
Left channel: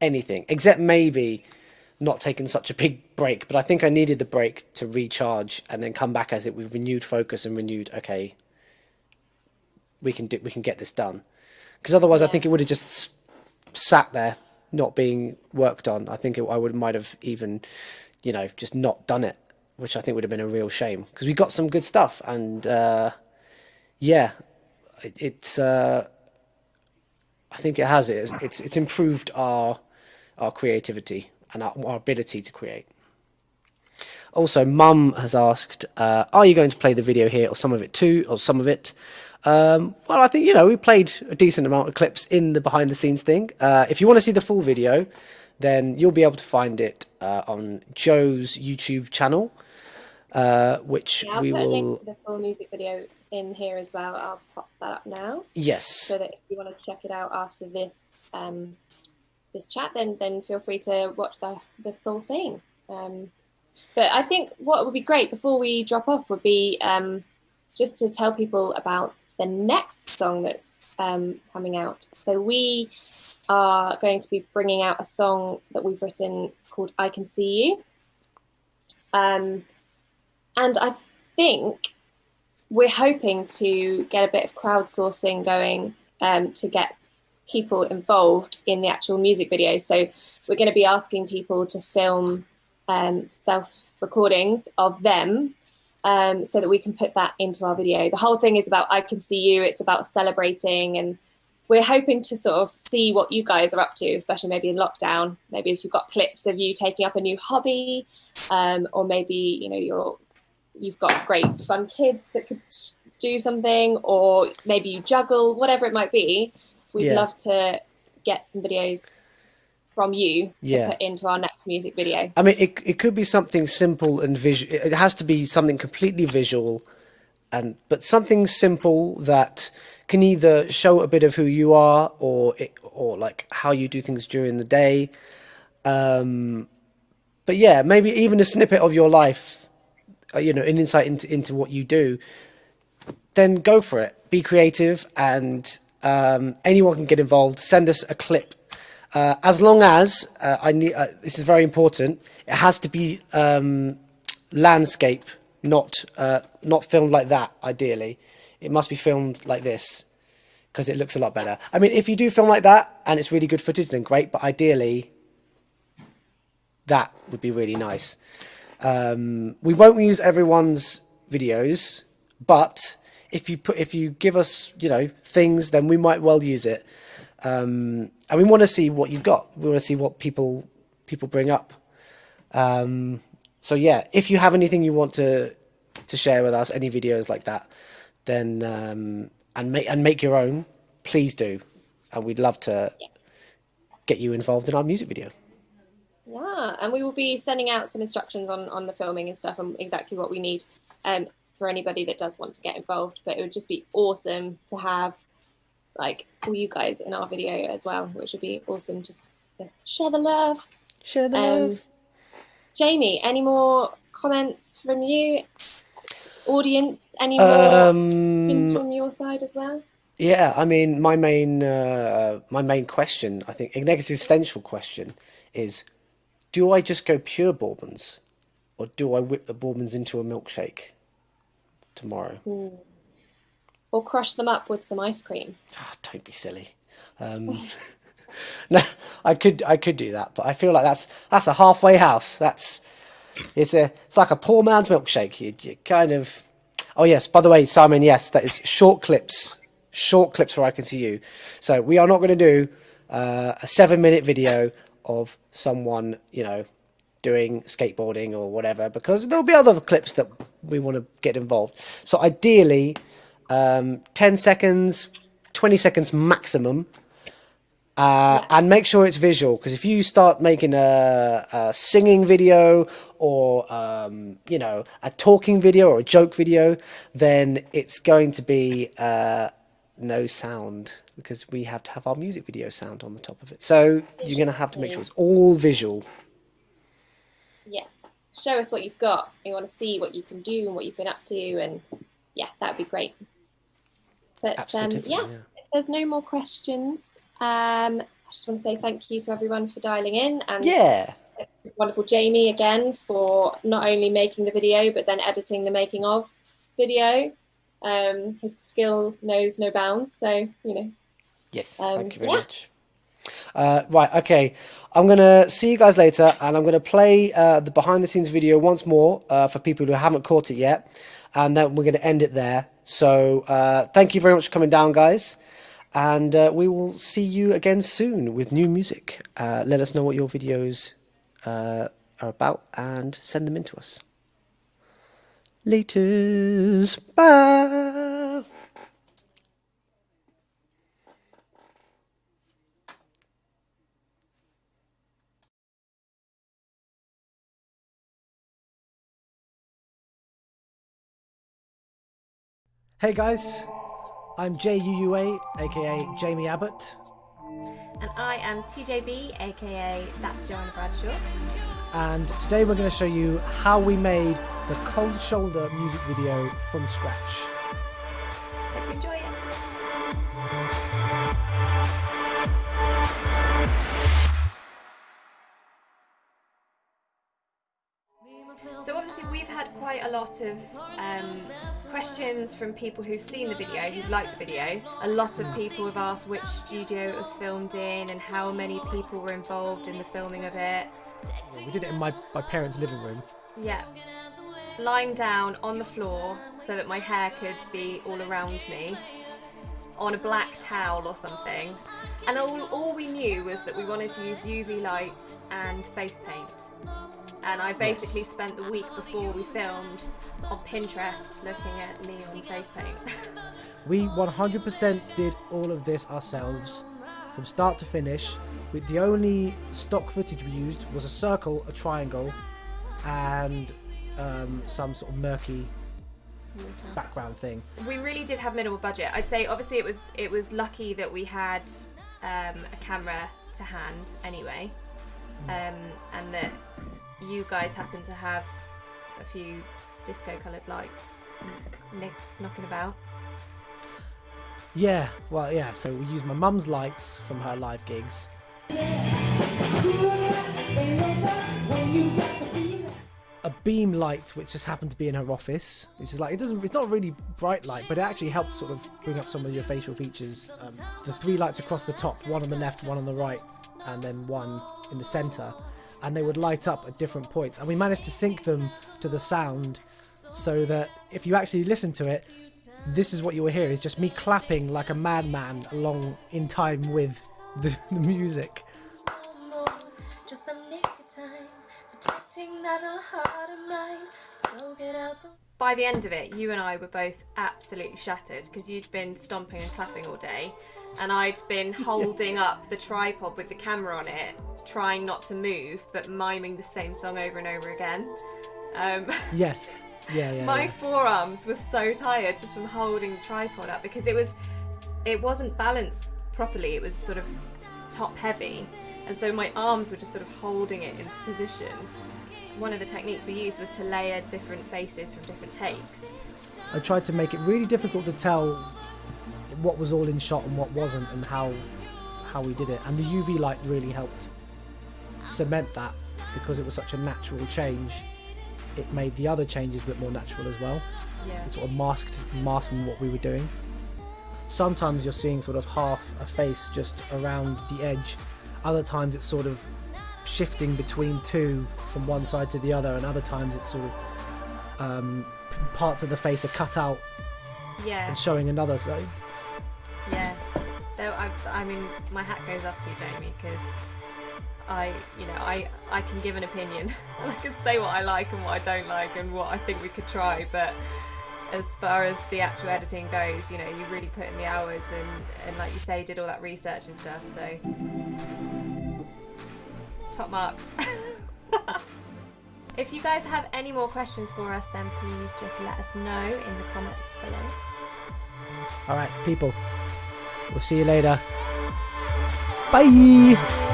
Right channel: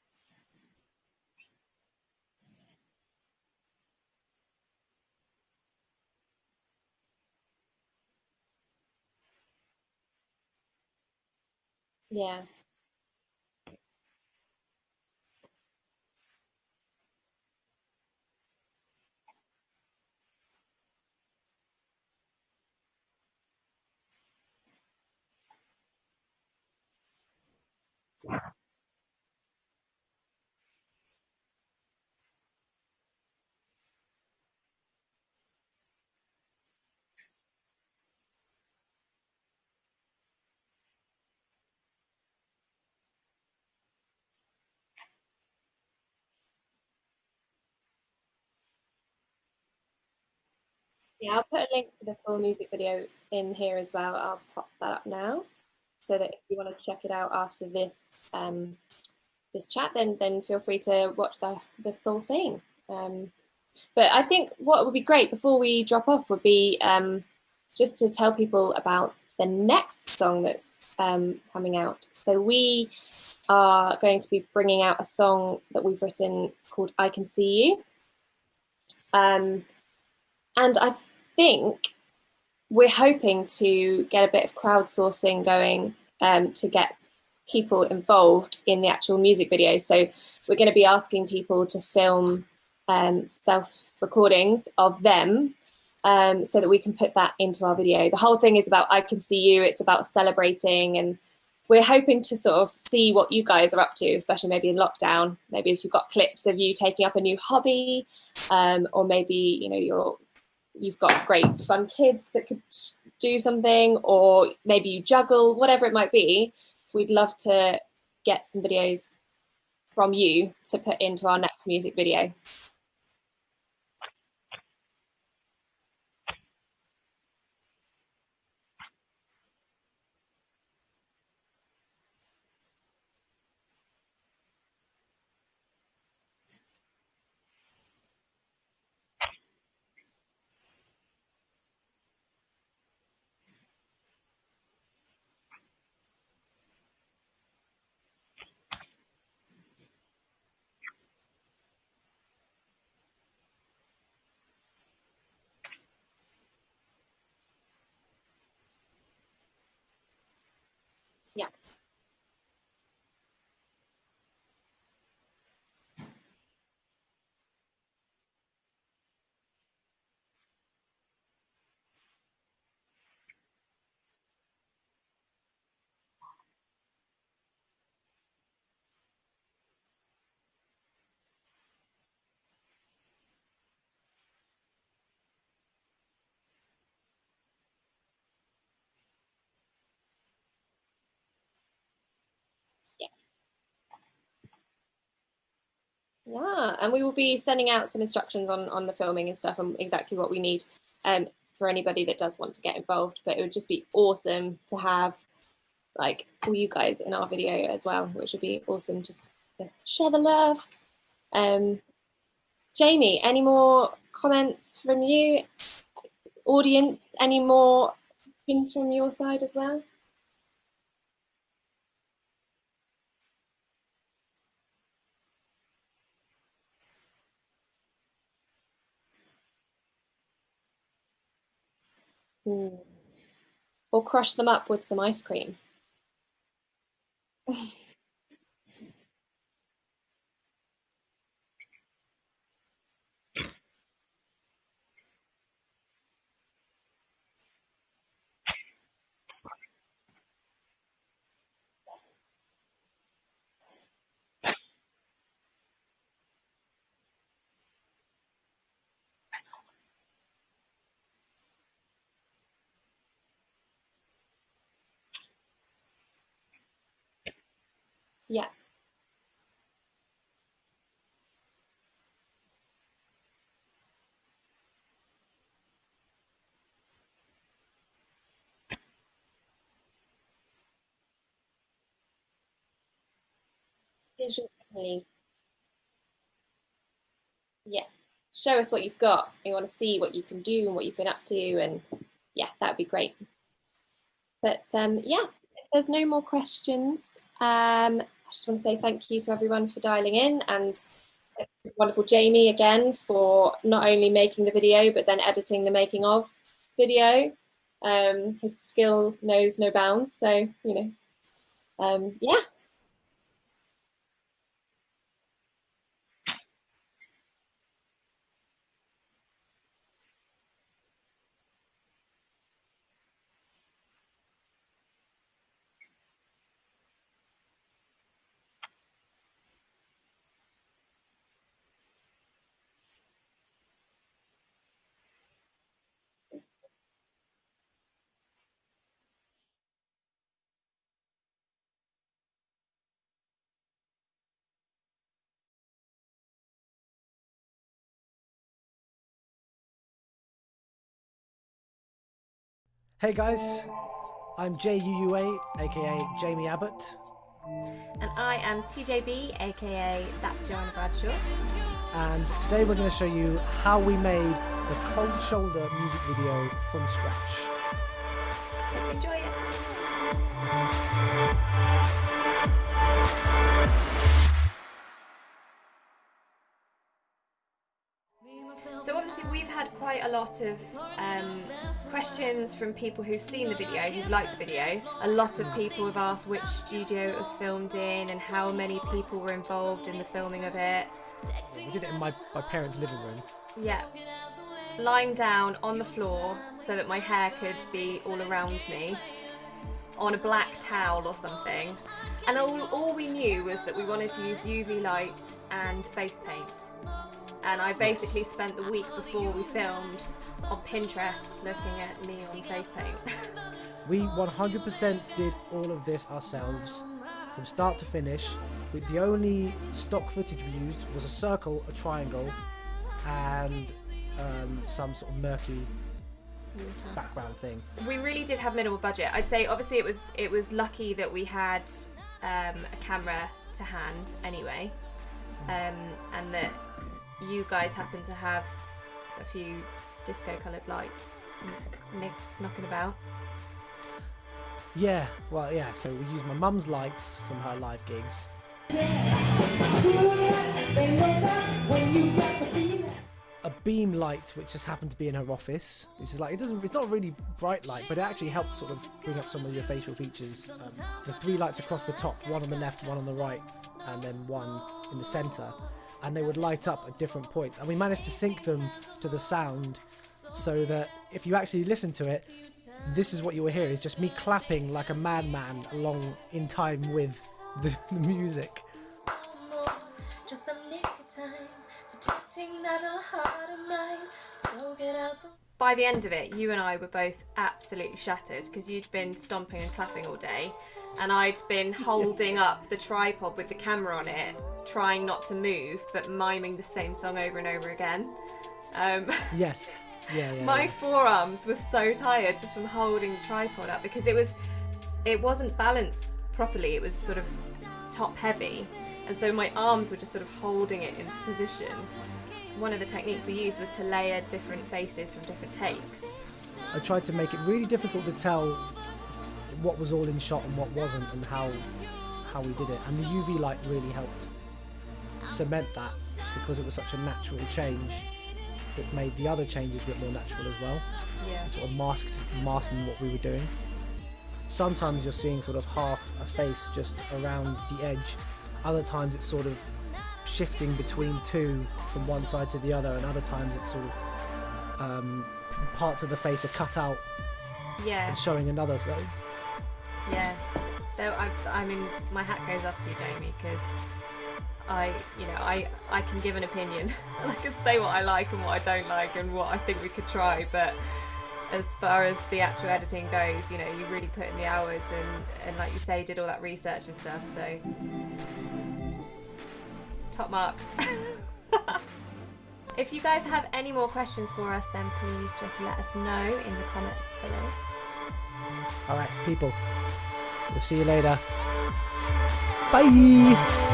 anything, except maybe not taking such a big break. But I think I needed the break to recharge and then come back as it with renewed focus and renewed, okay, we can get this done. Because otherwise, I Yeah. think it would have just sat there, not being worked on. I think might have even, just not done it, which I think would have been a real shame. Because we got some good stuff, and yeah, it's. I think it has. It's improved our creativity and our ability to create. Also, Mum has asked, are you going to play the video here, or some of it too, or some of it? Well, I think, we played a decent amount of clips in the behind the scenes thing. If you want to see the full video, then you'll be able to find it on Joe's YouTube channel, which Yeah, I'll we put a link will. to the full music video in here as well. I'll pop that up now, Yes. so that if you want to check it out after this this chat, then feel free to watch the full thing. But I think what would be great before we drop off would be just to tell people about the next song that's coming out. So we are going to be bringing out a song that we've written called I Can See You. And I think we're hoping to get a bit of crowdsourcing going to get people involved in the actual music video. So we're going to be asking people to film self-recordings of them so that we can put that into our video. The whole thing is about I Can See You. It's about celebrating, and we're hoping to sort of see what you guys are up to, especially maybe in lockdown. Maybe if you've got clips of you taking up a new hobby, or maybe you've got great fun kids that could do something, or maybe you juggle, whatever it might be. We'd love to get some videos from you to put into our next music video. I mean, it could be something simple and visual. It has to be something completely visual, but something simple that can either show a bit of who you are, or like how you do things during the day. But yeah, maybe even a snippet of your life, an insight into what you do. Then go for it. Be creative, and anyone can get involved. Send us a clip. As long as this is very important, it has to be landscape, not filmed like that. Ideally, it must be filmed like this, because it looks a lot better. I mean, if you do film like that and it's really good footage, then great. But ideally, that would be really nice. We won't use everyone's videos, but if you give us things, then we might well use it. And we want to see what you've got. We want to see what people bring up. So yeah, if you have anything you want to share with us, any videos like that, then and make your own, please do, and we'd love to get you involved in our music video. Yeah, and we will be sending out some instructions on the filming and stuff, and exactly what we need for anybody that does want to get involved. But it would just be awesome to have all you guys in our video as well, which would be awesome. Just to share the love. Share the love. Jamie, any more comments from you? Audience, any more things from your side as well? Yeah, I mean, my main question, I think, an existential question, is: do I just go pure bourbons, or do I whip the bourbons into a milkshake tomorrow? Or crush them up with some ice cream? Oh, don't be silly. No, I could do that, but I feel like that's a halfway house. It's like a poor man's milkshake. You kind of. Oh yes, by the way, Simon, yes, that is short clips where I Can See You. So we are not going to do a 7-minute video of someone doing skateboarding or whatever, because there'll be other clips that we want to get involved. So ideally, 10 seconds, 20 seconds maximum. And make sure it's visual, because if you start making a singing video, or a talking video or a joke video, then it's going to be no sound, because we have to have our music video sound on the top of it. So you're going to have to make sure it's all visual. Yeah, show us what you've got. We want to see what you can do and what you've been up to, and yeah, that'd be great. But Absolutely, yeah, there's no more questions, I just want to say thank you to everyone for dialing in, and Yeah. wonderful Jamie again for not only making the video but then editing the making of video. His skill knows no bounds, so Yes. Thank you very yeah. much. Right. Okay. I'm gonna see you guys later, and I'm gonna play the behind the scenes video once more for people who haven't caught it yet, and then we're gonna end it there. So thank you very much for coming down, guys. And we will see you again soon with new music. Let us know what your videos are about and send them in to us. Laters. Bye. Hey guys, I'm JUUA, aka Jamie Abbott. And I am TJB, aka That Joanna Bradshaw. And today we're going to show you how we made the Cold Shoulder music video from scratch. Hope you enjoy it. So obviously we've had quite a lot of questions from people who've seen the video, who've liked the video. A lot of people have asked which studio it was filmed in and how many people were involved in the filming of it. We did it in my parents' living room. Yeah. Lying down on the floor so that my hair could be all around me on a black towel or something. And all we knew was that we wanted to use UV lights and face paint. And I basically spent the week before we filmed on Pinterest looking at neon face paint. We 100% did all of this ourselves from start to finish. The only stock footage we used was a circle, a triangle, and some sort of murky background thing. We really did have minimal budget. I'd say obviously it was lucky that we had a camera to hand anyway, and that you guys happen to have a few disco coloured lights knocking about. Yeah, well, yeah, so we used my mum's lights from her live gigs. A beam light which just happened to be in her office, which is like, it's not really bright light, but it actually helps sort of bring up some of your facial features. The 3 lights across the top, one on the left, one on the right, and then one in the center, and they would light up at different points, and we managed to sync them to the sound so that if you actually listen to it, this is what you will hear, is just me clapping like a madman along in time with the music. Just a nick of time, protecting that little heart of mine. So get out the By the end of it, you and I were both absolutely shattered because you'd been stomping and clapping all day, and I'd been holding up the tripod with the camera on it, trying not to move, but miming the same song over and over again. Yes. Yeah. My forearms were so tired just from holding the tripod up because it wasn't balanced properly. It was sort of top heavy, and so my arms were just sort of holding it into position. One of the techniques we used was to layer different faces from different takes. I tried to make it really difficult to tell what was all in shot and what wasn't, and how we did it, and the UV light really helped cement that because it was such a natural change. It made the other changes look more natural as well. Yeah. It sort of masking what we were doing. Sometimes you're seeing sort of half a face just around the edge. Other times it's sort of shifting between two from one side to the other, and other times it's sort of parts of the face are cut out and showing another side. Yeah. Though I mean, my hat goes off to you, Jamie, because I can give an opinion and I can say what I like and what I don't like and what I think we could try, but as far as the actual editing goes, you really put in the hours and like you say, did all that research and stuff, so top marks. If you guys have any more questions for us, then please just let us know in the comments below. Alright, people, we'll see you later. Bye!